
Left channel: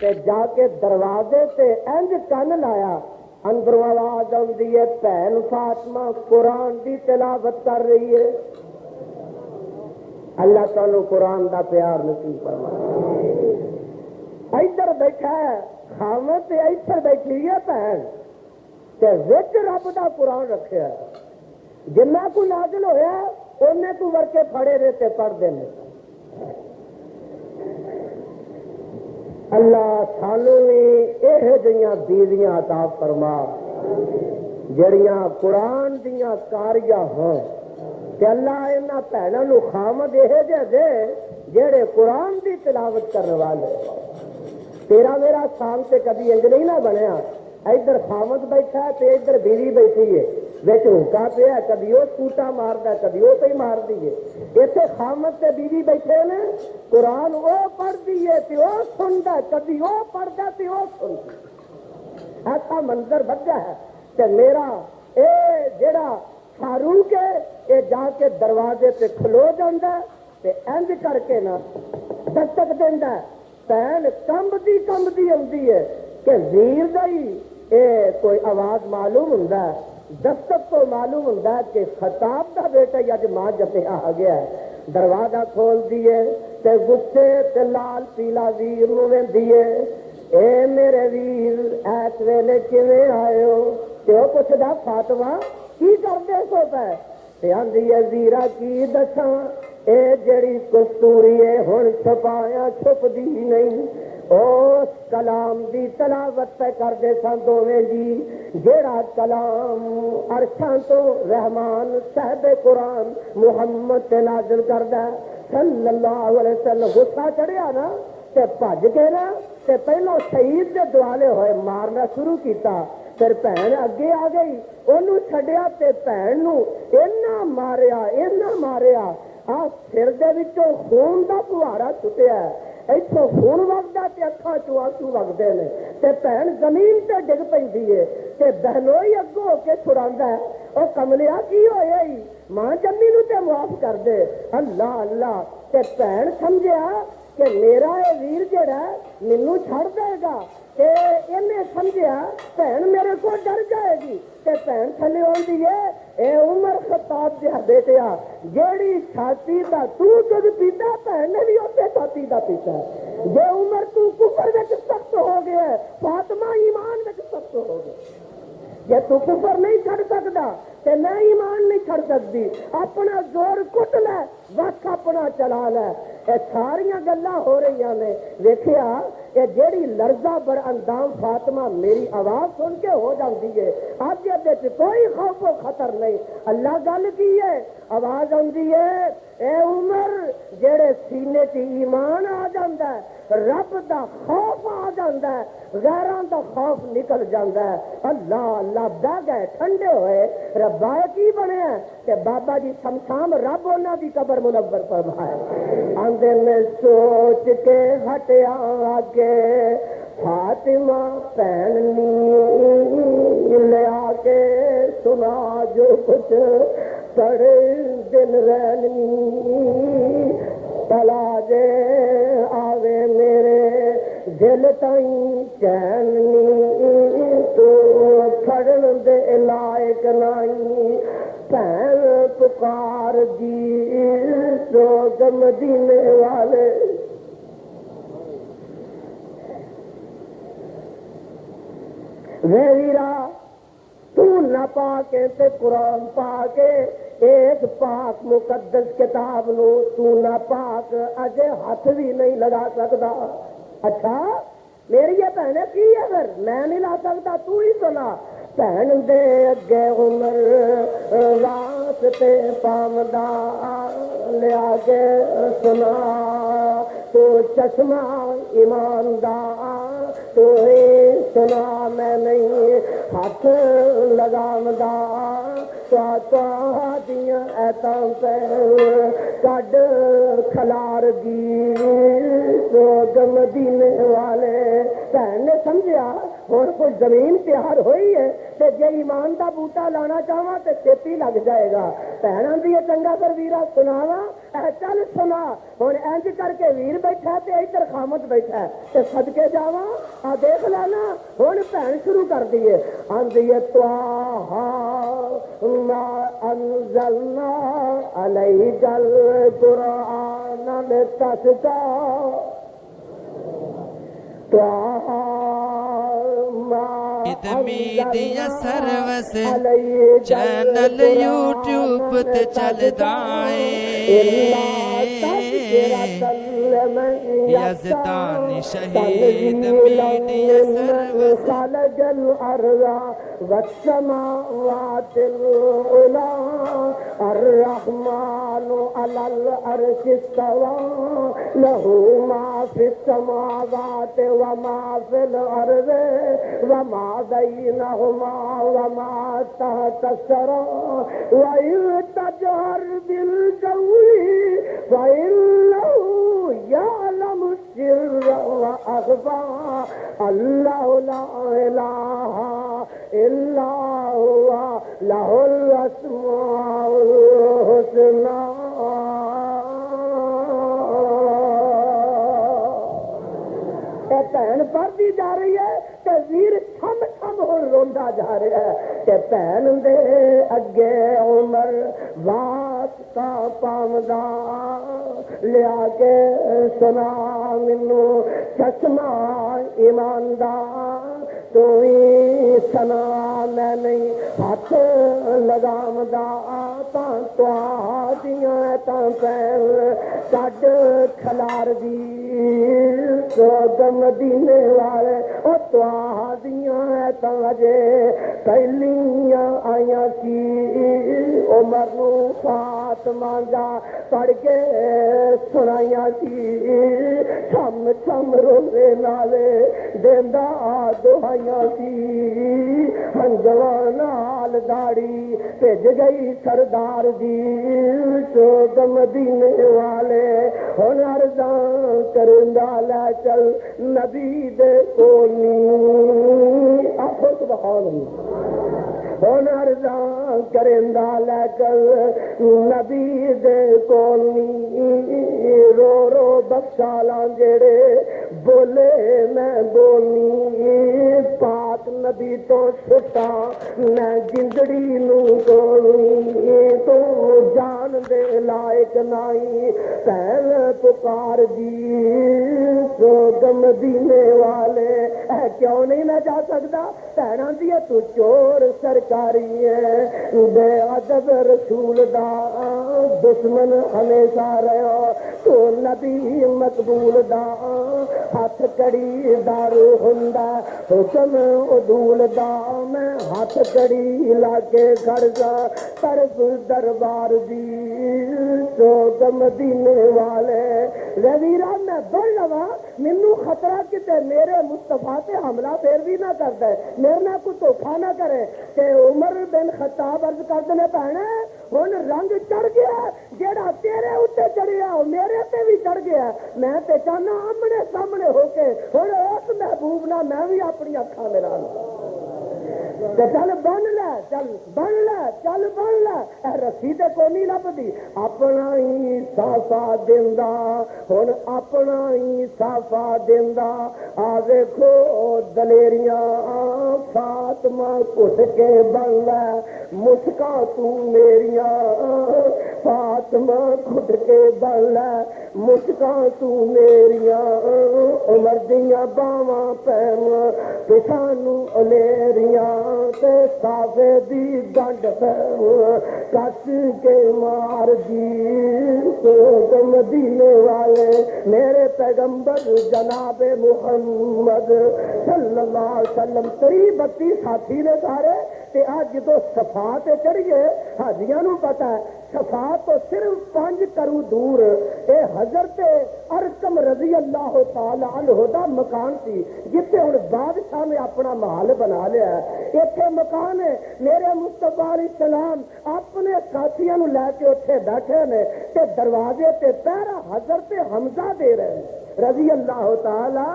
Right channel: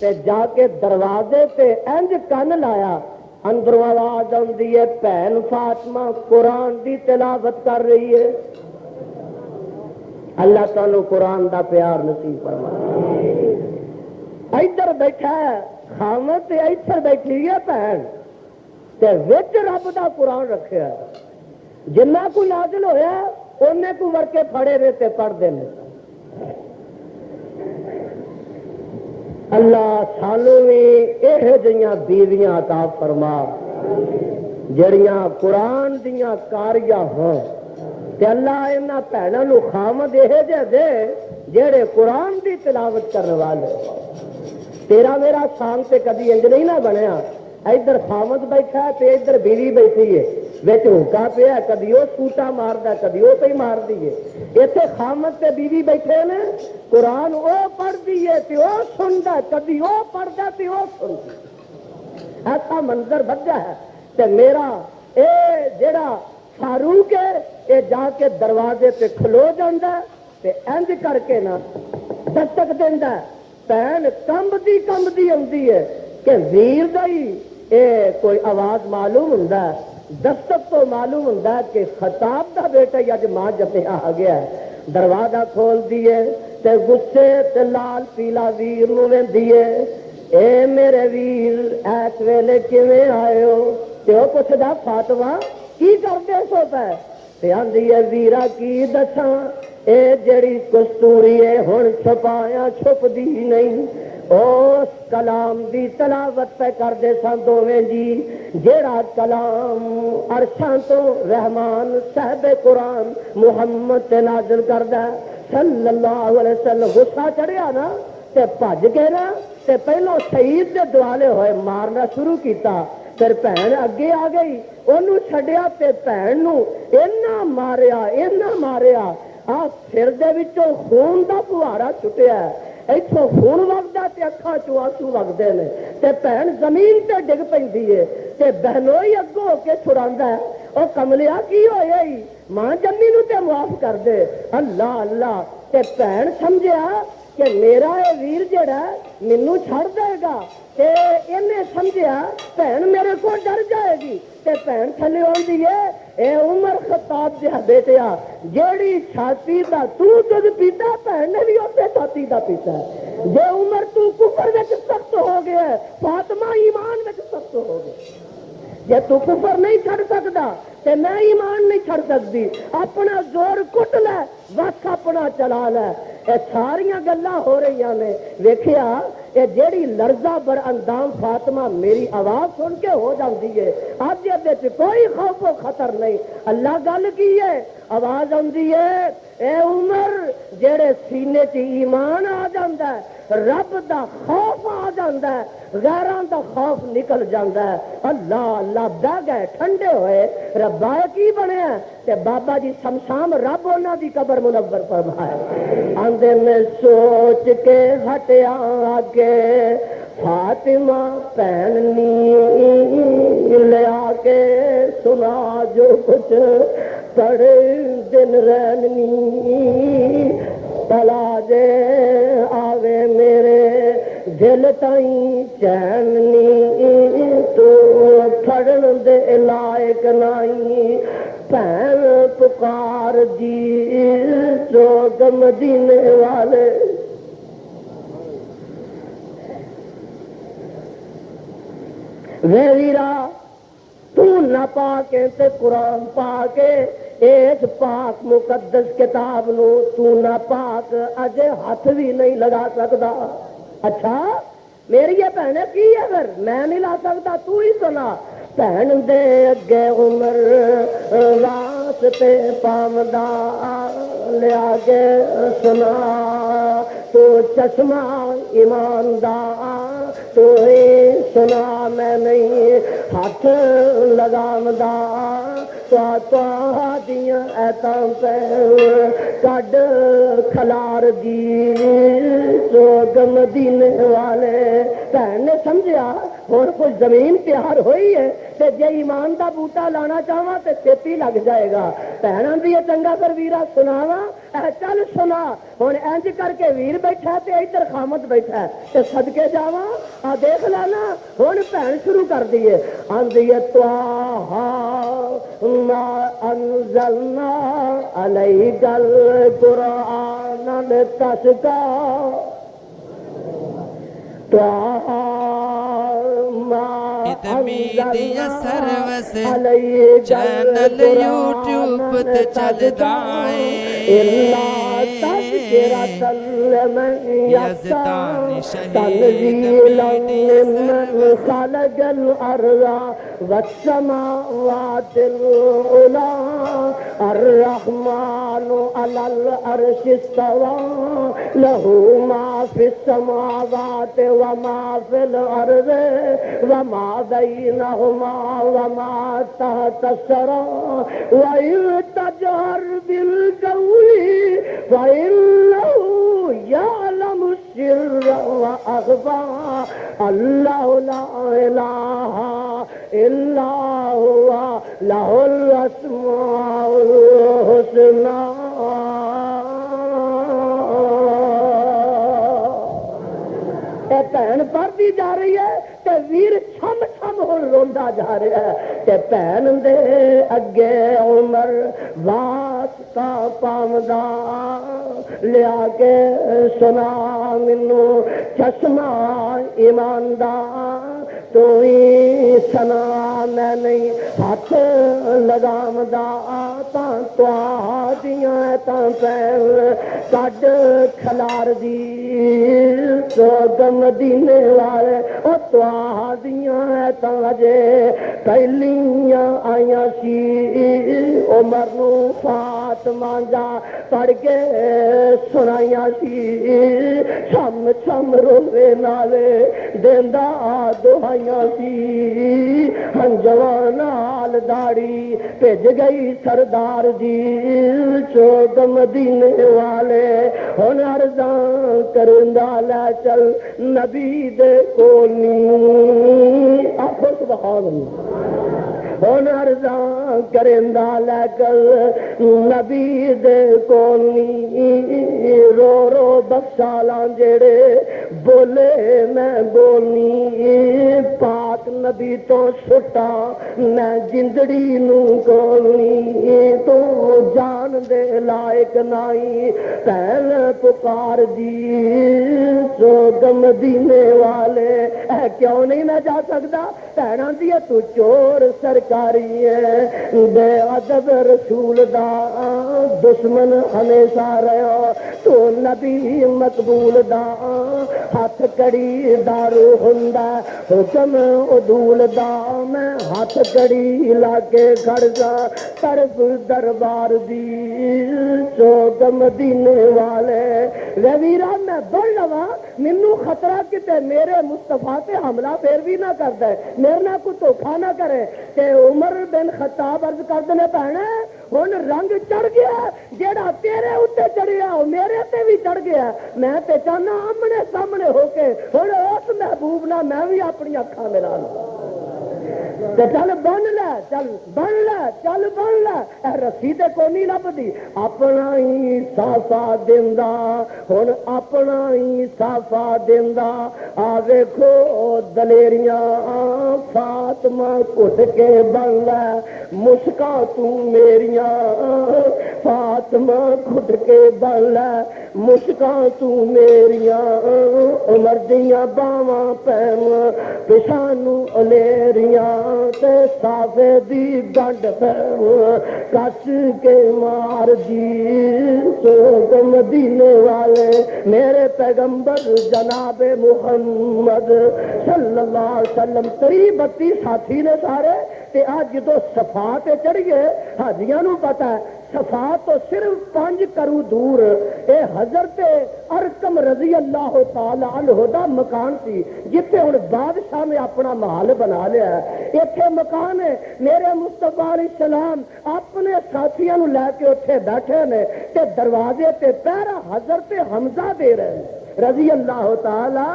تے جا کے دروازے تے انج کن لایا, اندروں آواز آندی ہے بہن فاطمہ قرآن دی تلاوت کر رہی ہے. اللہ تعالی قرآن دا پیار نصیب فرمائے. ادھر بیٹھا ہے خامد تے ادھر بیٹھی ہے بہن تے وچ رب دا قرآن رکھیا ہے. جنہ کو نازل ہویا انہیں کو ورکے پھڑے رہتے پڑھ دینے. اللہ سانو بھی یہ جہاں بیویاں عطا فرما جڑیاں قرآن دیاں کاریاں ہوں تے اللہ انہاں بھیناں نو خامد یہ جے دے جڑے قرآن دی تلاوت کرنے والے. تیرا میرا شام تے کدی انج نہیں نہ بنیا ادھر خامد بیٹھا ہے تے ادھر بیوی بیٹھی ہے وچ ہوکا پیا کدی وہ سوٹا ماردا کدی وہ پہ مار دیے. اتنے خامد تے بیوی بیٹھے نے قرآن وہ پڑھتی ہے تے وہ سنتا کدی وہ پڑھتا تے وہ سنتا. ایسا منظر بجا ہے تے میرا اے جڑا فاروق ہے یہ جا کے دروازے تے کھلو جاندہ تے انج کر کے نا دستک دیندہ پہن کمبدی آتی ہے کہ ویر دا ہی اے کوئی آواز معلوم ہوندہ ہے. دستک تو معلوم ہوتا ہے کہ خطاب دا بیٹا اج ماں جتے آ گیا ہے. دروازہ کھول دیے تے غصے تے لال پیلا ویر نو ویندیے اے میرے ویر ایس ویلے کیویں آئے ہو تے او پوچھدا فاطمہ کی کردے سو پے تے آندی ہے ویرا کی دساں اے جڑی کستوری ہے ہن چھپایا چھپدی نہیں اس کلام دی تلاوت پہ کردے سن دوویں جی جیڑا کلام عرشاں تو رحمان صاحب قرآن محمد تے نازل کردا صلی اللہ علیہ وسلم غصہ چڑھیا نا تے بھج کے نا تے پہلو شہید دے دوالے ہوئے مارنا شروع کیتا پھر بہن اگے آ گئی انہوں چھڈیا تے بہن نو اینا ماریا آ سر دے وچوں خون دا فوارا چھٹیا اتوں خون وگدا تے اکھاں چوں آنسو وگدے نے تے بہن زمین تے ڈگ پیندی ہے تے بہنوئی اگوں ہو کے چھڑاندا ہے او کملیا کی ہویا ہی ماں جمی نو تے معاف کر دے اللہ اللہ تے بہن سمجھیا کہ میرا یہ ویر جڑا مینوں چھڑ دے گا تے انہیں سمجھیا بہن میرے کو ڈر جائے گی تے بہن تھلے آندی ہے اے عمر خطاب دیا بیٹیا جیڑی چھاتی دا تو دودھ پیتا بہن نے بھی اپنے چھاتی دا پیتا ہے جے عمر تو کفر وچ سخت ہو گیا ہے فاطمہ ایمان وچ سخت ہو گیا جے تو کفر نہیں چھڑ سکدا تے میں ایمان نہیں چھڑ سکتی اپنا زور کٹ لے وقت اپنا چلا لے اے ساریاں گلاں ہو رہی نے ویکھیا اے جیڑی لرزہ بر اندام فاطمہ میری آواز سن کے ہو جاندی ہے اج دے کوئی خوف و خطر نہیں اللہ گل کی ہے آواز آندی ہے اے عمر جیڑے سینے چ ایمان آ جاندا ہے رب دا خوف آ جاندا ہے غیراں دا خوف نکل جاندا ہے اللہ اللہ بہ گئے ٹھنڈے ہوئے ربا کی بنیا تے بابا جی شمشام رب انہاں دی قبر منور فرمائے آندے میں سوچ کے ہٹیا آگے فاطمہ پہننی لے آ کے سنا جو کچھ پڑے دن رہنی تلا دے آوے میرے دل تائیں چیننی تو پھڑن دے لائق نہیں پہن پکار دی سوگ مدینے والے ویرا تو نہ پا کے تے قرآن پا کے ایک پاک مقدس کتاب نو تو نہ پاک اجے ہاتھ بھی نہیں لگا سکتا اچھا میری یہ بہنیں کی ہے پھر میں نہیں لا سکتا تو ہی سنا بہن دے اگے عمر واسطے پامدا لیا کے سنا تو چشمہ ایماندار تو ہی سنا میں نہیں ہاتھ لگامدا دیاں ایتاں پہ کڈ کھلار دی سوگ مدینے والے بہن نے سمجھیا ہوں کچھ زمین تیار ہوئی ہے تے جے ایمان دا بوٹا لانا چاہواں تے چھتی لگ جائے گا بہن آندی ہے چنگا کر ویرا سناواں چل سنا ہوں انج کر کے ویر بیٹھا تے ادھر خامد بیٹھا تے صدقے جاواں آ دیکھ لانا ہوں بہن شروع کر دیے آندی ہے طٰہٰ ما انزلنا علیک القرآن لتشقیٰ میڈیا سروس چینل یوٹیوب تے چلدا اے یزدانی شہید میڈیا سروس خلق الارض والسماوات العلی الرحمن علی العرش استوى له ما في السماوات وما في الارض وما بينهما وما تحت الثرى وإن تجهر بالقول فإنه يعلم السر وأخفى الله لا إله إلا هو له الأسماء الحسنى بہن پڑھتی جا رہی ہے تے ویر چھم چھم ہو روندا جا رہا ہے تے بہن دے اگے عمر واسطہ پامدا لیا کے سنا مینوں چشمہ ایماندار تو ہی سنا میں نہیں ہاتھ لگامدا دیاں پیر کڈ کھلار دی سوگ مدینے والے او پہلیاں آئیاں سی عمر نو فاطمہ جا پڑھ کے سنائیاں سی چھم چھم روے نالے دیندا دعائیاں سی ہنجواں نال داڑھی بھج گئی سردار جی چوک مدینے والے ہن عرضاں کرندا لے چل نبی دے کولنی آخو سبحان اللہ ہن عرضاں کرندا لے چل نبی دے کولنی رو رو بخشالاں جڑے بولے میں بولنی پاک نبی تو چھٹا میں جندڑی نو کولنی تو جان دے لائق نائی پہل پکار دی سوگ مدینے والے اے کیوں نہیں میں جا سکتا بھੈਣਾਂ دی تو چور سرکاری ہے بے ادب رسول دا دشمن ہمیشہ رہا تو نبی مقبول دا ہاتھ کڑی دارو ہوندا حکم عدول دا میں ہاتھ کڑی لا کے گھر جا طرف دربار دی چوک مدینے والے ویرا میں بڑھ لوا مینوں خطرہ کتے میرے مصطفیٰ تے حملہ پھر بھی نہ کردا ہے میرے نہ کوئی دھوکھا نہ کرے کہ عمر بن خطاب عرض کردے نے بھੈਣੇ ہن رنگ چڑھ گیا جیڑا تیرے اوتے چڑھیا او میرے تے بھی چڑھ گیا میں تے چاہنا آمنے سامنے ہو کے ہن اس محبوب نہ میں بھی اپنی اکھاں ملا لاں تے چل بن لے چل بن لے چل بن لے اے رسی تے کوئی نہیں لبدی اپنا ہی سافا دیندا ہن اپنا ہی سافا دیندا آ ویکھو دلیریاں فاطمہ کٹ کے بن لے مشکا تو میریاں فاطمہ کٹ کے بن لے مشکا تو میریاں عمر دیاں باواں پیم پچھانو الیریاں تے صافے دی ڈنڈ پیم کس کے مار دی سوگ مدینے والے میرے پیغمبر جناب محمد صلی اللہ علیہ وسلم 32 ساتھی نے سارے تے آج جدو صفا تے چڑھ گئے حاجیاں نو پتہ ہے صفا تو صرف 5 کرو دور اے حضرت ارقم رضی اللہ تعالی عنہ دا مکان سی جتے ہن بادشاہ نے اپنا محل بنا لیا ہے ایتھے مکان ہے میرے مصطفیٰ علیہ السلام اپنے ساتھیاں نو لے کے اوتھے بیٹھے نے تے دروازے تے پہرا حضرت حمزہ دے رہے ہیں رضی اللہ تعالی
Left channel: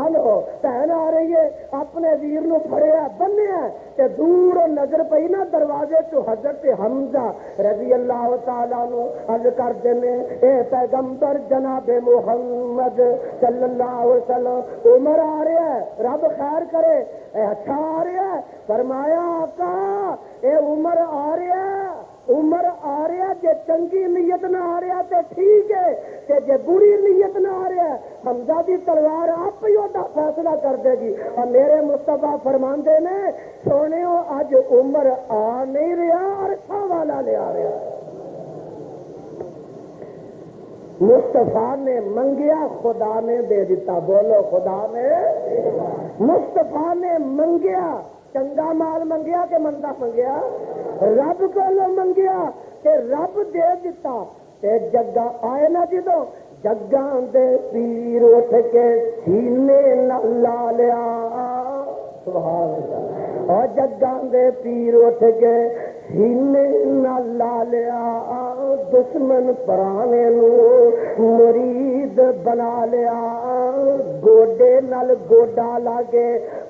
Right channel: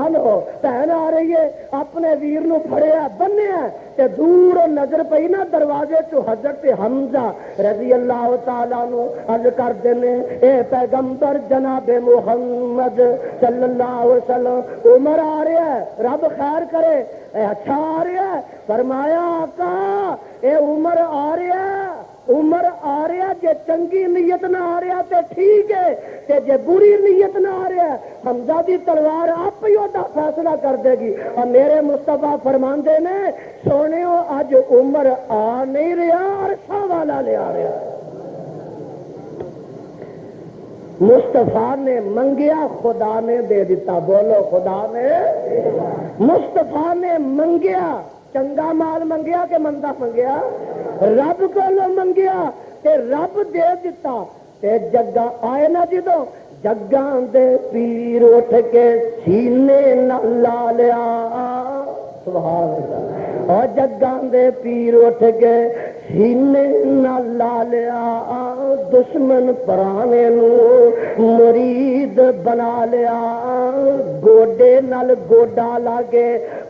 عنہ بہن آ رہی ہے اپنے ویر نو پھڑیا بنیا تے دور نظر پئی نا دروازے تو حضرت حمزہ رضی اللہ تعالیٰ عنہ عرض کرتے ہیں اے پیغمبر جناب محمد صلی اللہ علیہ وسلم عمر آ رہا ہے رب خیر کرے اے اچھا آ رہا ہے فرمایا آقا اے عمر آ رہا ہے عمر آ رہا جے چنگی نیت نہ آ رہا تے ٹھیک ہے تے جے بری نیت نہ آ رہا حمزہ دی تلوار آپ ہی ہوتا فیصلہ کر دے گی اور میرے مصطفیٰ فرماندے نے سونےو اج عمر آ نہیں رہا عرشہ والا لے آ رہا مصطفیٰ نے منگیا خدا نے دے دیتا بولو خدا نے مصطفیٰ نے منگیا چنگا مال منگیا کہ مندا منگیا رب کو منگیا تے رب دے دیتا تے جگہ آئے نا جدو جگاں دے پیر اٹھ کے سینے نہ لا لیا سبحان اللہ اور جگاں دے پیر اٹھ کے سینے نہ لا لیا دشمن پرانے نو مرید بنا لیا گوڈے نال گوڈا لاگے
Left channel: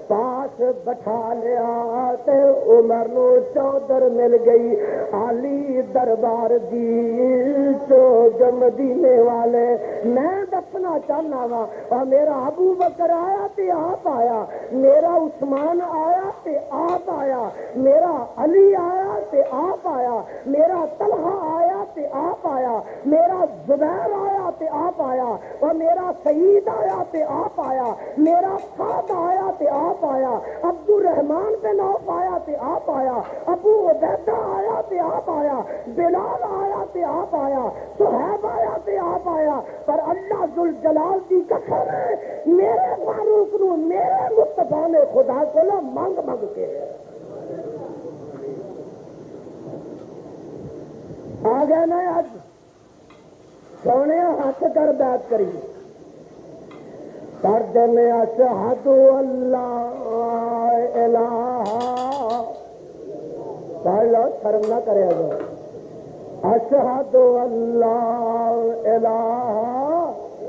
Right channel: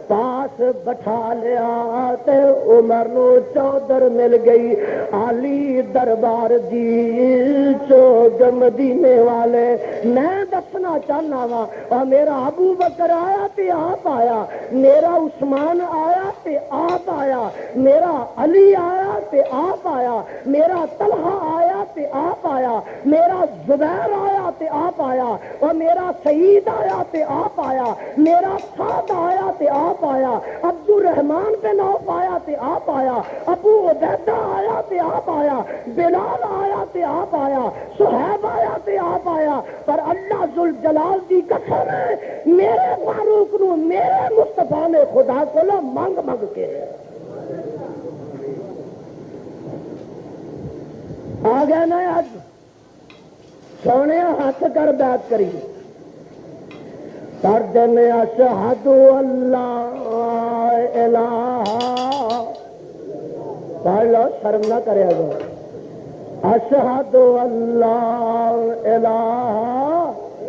پاس بٹھا لیا تے عمر نو چودر مل گئی علی دربار دی چوک مدینے والے میں دسنا چاہنا وا اور میرا ابو بکر آیا تے آپ آیا میرا عثمان آیا تے آپ آیا میرا علی آیا تے آپ آیا میرا طلحہ آیا تے آپ آیا میرا زبیر آیا تے آپ آیا اور میرا سعید آیا تے آپ آیا میرا سعد آیا تے آپ آیا عبد الرحمان بن عوف آیا تے آپ آیا ابو عبیدہ آیا تے آپ آیا بلال آیا تے آپ آیا صہیب آیا تے آپ آیا پر اللہ ذوالجلال دی قسم ہے میرے فاروق نو میرے مصطفیٰ نے خدا کو منگ منگ کے آ گیا نا اج سونے ہاتھ کر بیعت کری کر دینے اشہد اللہ الہ پڑھ لو شرم نہ کرے گا اشہد اللہ الہ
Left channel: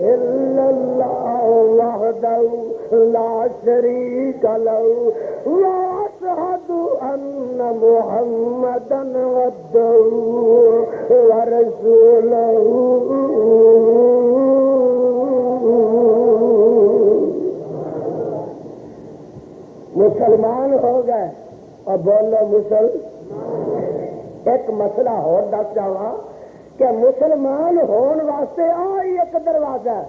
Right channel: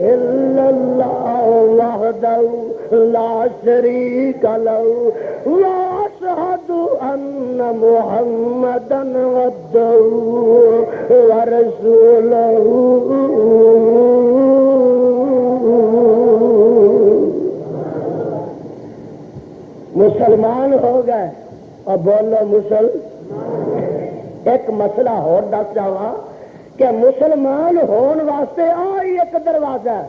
الا اللہ وحدہ لا شریک لہ واشہد ان محمدا عبدہ ورسولہ مسلمان ہو گئے اور بولو ایک مسئلہ اور دس جاواں کہ مسلمان ہون واسطے آئی ایک دروازہ ہے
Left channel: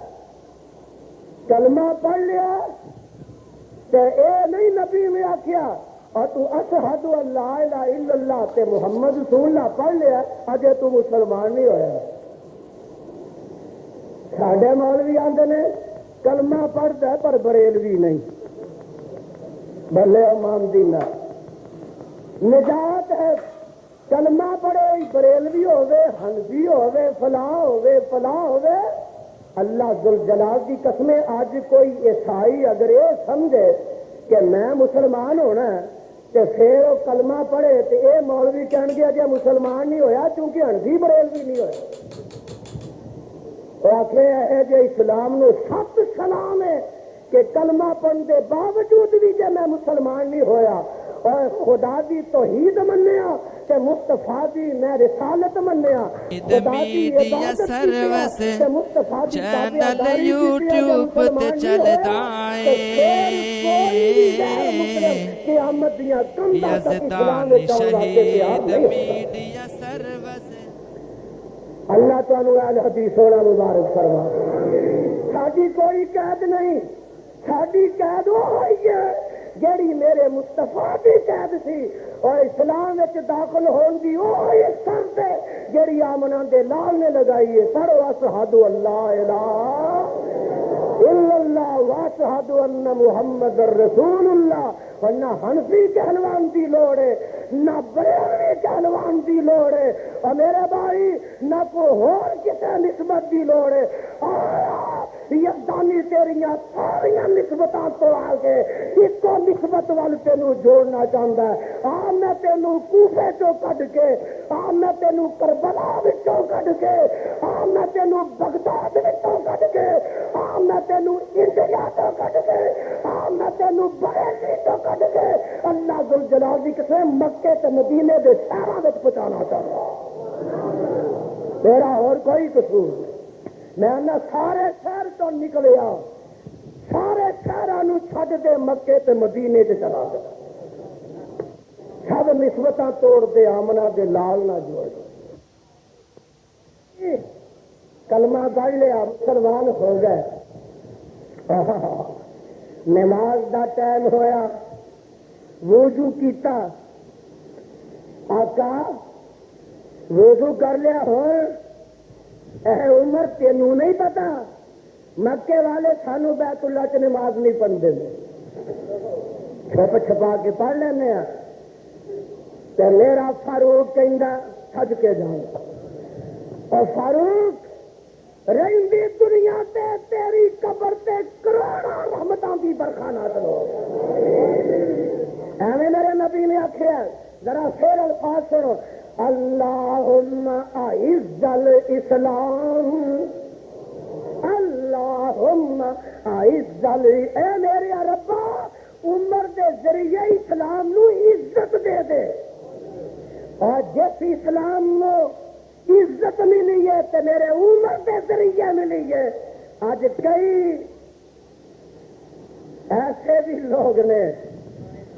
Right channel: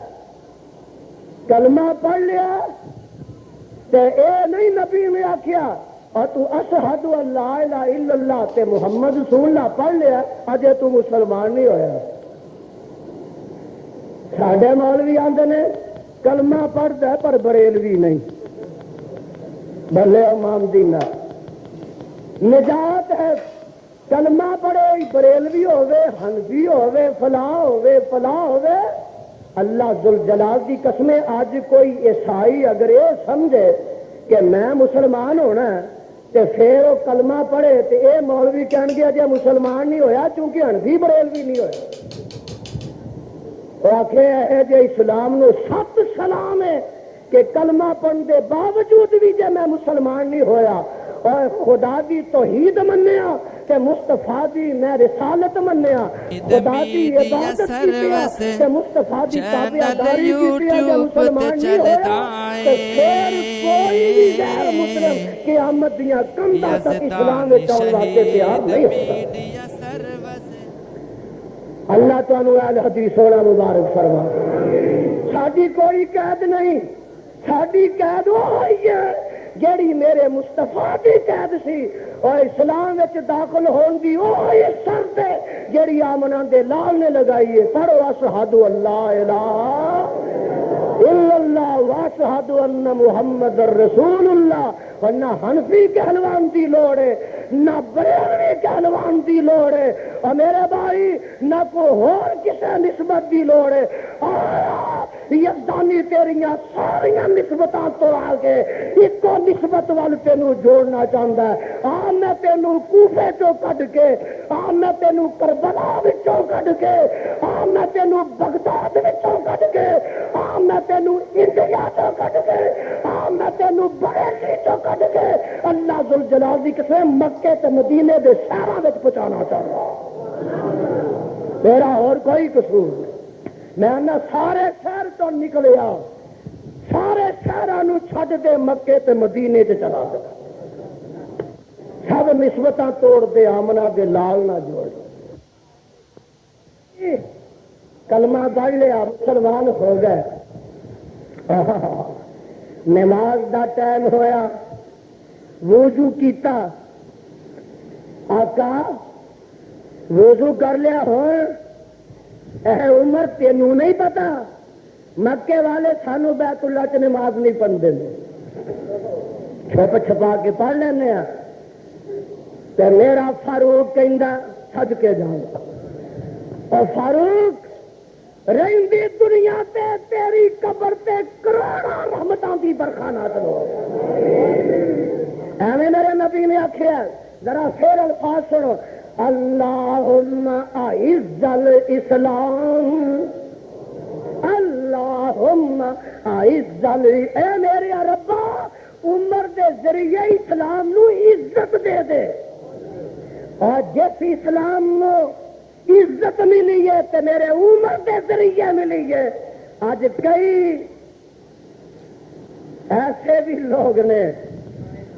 کلمہ پڑھ لیا تے اے نہیں نبی نے آکھیا اور تو اشہد اللہ الہ الا اللہ تے محمد رسول اللہ پڑھ لیا اجے تو مسلمان نہیں ہویا ساڈے مولوی آندے نے کلمہ پڑھدا ہے پر بریلوی نہیں بھلے امام دینا نجات ہے کلمہ پڑھے بریلوی ہوئے حنفی ہوئے فلاں ہوئے اللہ ذوالجلال کی قسمیں آج کوئی عیسائی اگر یہ سمجھے کہ میں مسلمان ہونا ہے تو پھر وہ کلمہ پڑھے تو یہ مولوی کہن گے اجے مسلمان نہیں ہویا کیونکہ حنفی بریلوی نہیں ہویا وہ آخر ہے جی اسلام نو سخت سلام ہے کہ کلمہ پڑھنے کے باوجود بھی جے میں مسلمان نہیں ہویا اور خدا دی توحید منیا کہ مصطفیٰ دی میں رسالت منیا میڈیا سروس چینل یوٹیوب تے چلدا اے قیامت دیاں کنڈاں تک یزدان شہید میڈیا سروس اللہ تعالیٰ اہل حدیث ہونا مبارک فرما ساڈی کوئی قید نہیں ساڈی قید وہی ہے جیڑی میرے مصطفیٰ دی قید سی اور اسلام وچ داخل ہون دی وہی شرط ہے جیڑی آمنہ دے لال نے لگائی ہے پڑھو اشہد اللہ الہ الا اللہ واشہد ان محمد رسول اللہ ورنہ حنفی کہلوان دی لوڑ ہے نہ بریلوی کہلوان دی لوڑ ہے اور میرے بھائی نہ کوئی اور کسی نسبت دی لوڑ ہے یزدانی تیریاں ساریاں نسبتاں تو آگے ایک کو نسبت وال تینوں جوڑنا چاہتا ہے میں تینوں کوفے چوں کڈ کے میں تینوں کربلا وچوں کڈ کے میں تینوں بغداد وچوں کڈ کے میں تینوں انڈیا چوں کڈ کے میں تینوں بریلی چوں کڈ کے اللہ ذوالجلال دی قسم مکے تے مدینے دے شہراں وچ پہنچانا چاہتا میرا اور کوئی قصور نہیں میں سارے شہر تو نکلیا سارے شہروں چھڈ دے مکے تے مدینے تے چلا گیا سب نسبتاں توڑ دے آمنہ دے لال نہ جوڑ کلمہ پڑھ لیا مسلمان ہو گئے نماز دا ٹائم ہویا وضو کیتا آقا وضو کر لیا ہو عمر تینوں نہیں پتا مکے والے سانو بیت اللہ چ نماز نہیں پڑھتے چھپ چھپا کے پڑھ لینا تو میرا فاروق کہندا سج کے جاؤں اور فاروق رہندی دنیا تے تیری قبر تے کروڑاں رحمتاں دی برکھانات لو ایویں میرے نبی نے آکھیا ذرا پھر الفاظ سنو اللہم اعز الاسلام اللہم اعز اے میرے ربا عمر دے ذریعے اسلام نو عزت دے دے اور جس اسلام نو عزت ملی ہے تے میرے عمر دے ذریعے ملی ہے آج کئی ایسے بھی لوگ نے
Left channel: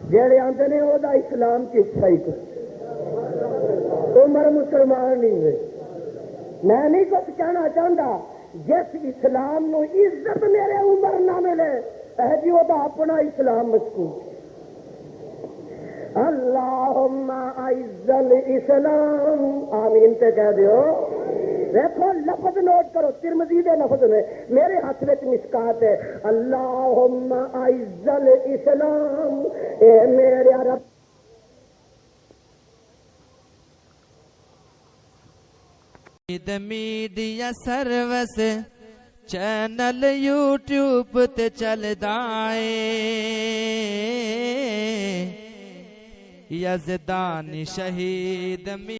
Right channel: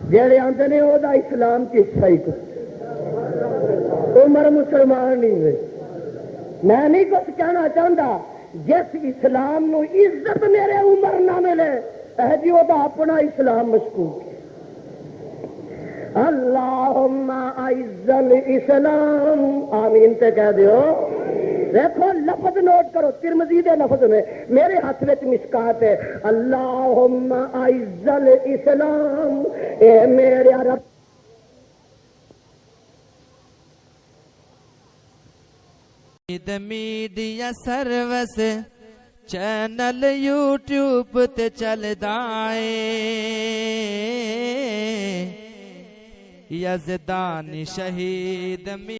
جڑے آندے نے او دا اسلام کی صحیح کو عمر مسلمان نہیں ہوئے میں نہیں کچھ کہنا چاہتا جس اسلام نو عزت میرے عمر نہ ملے جی وہ تو اپنا اسلام مشکوک ہے اللہم اعز الاسلام آمین تے کہہ دیو دیکھو لفظ نوٹ کرو ترمذی دے لفظ میں میرے ہاتھ میں مشکات ہے اللہم اعز الاسلام اے میرے رب میڈیا سروس چینل یوٹیوب تے چلدا اے یزدانی شہید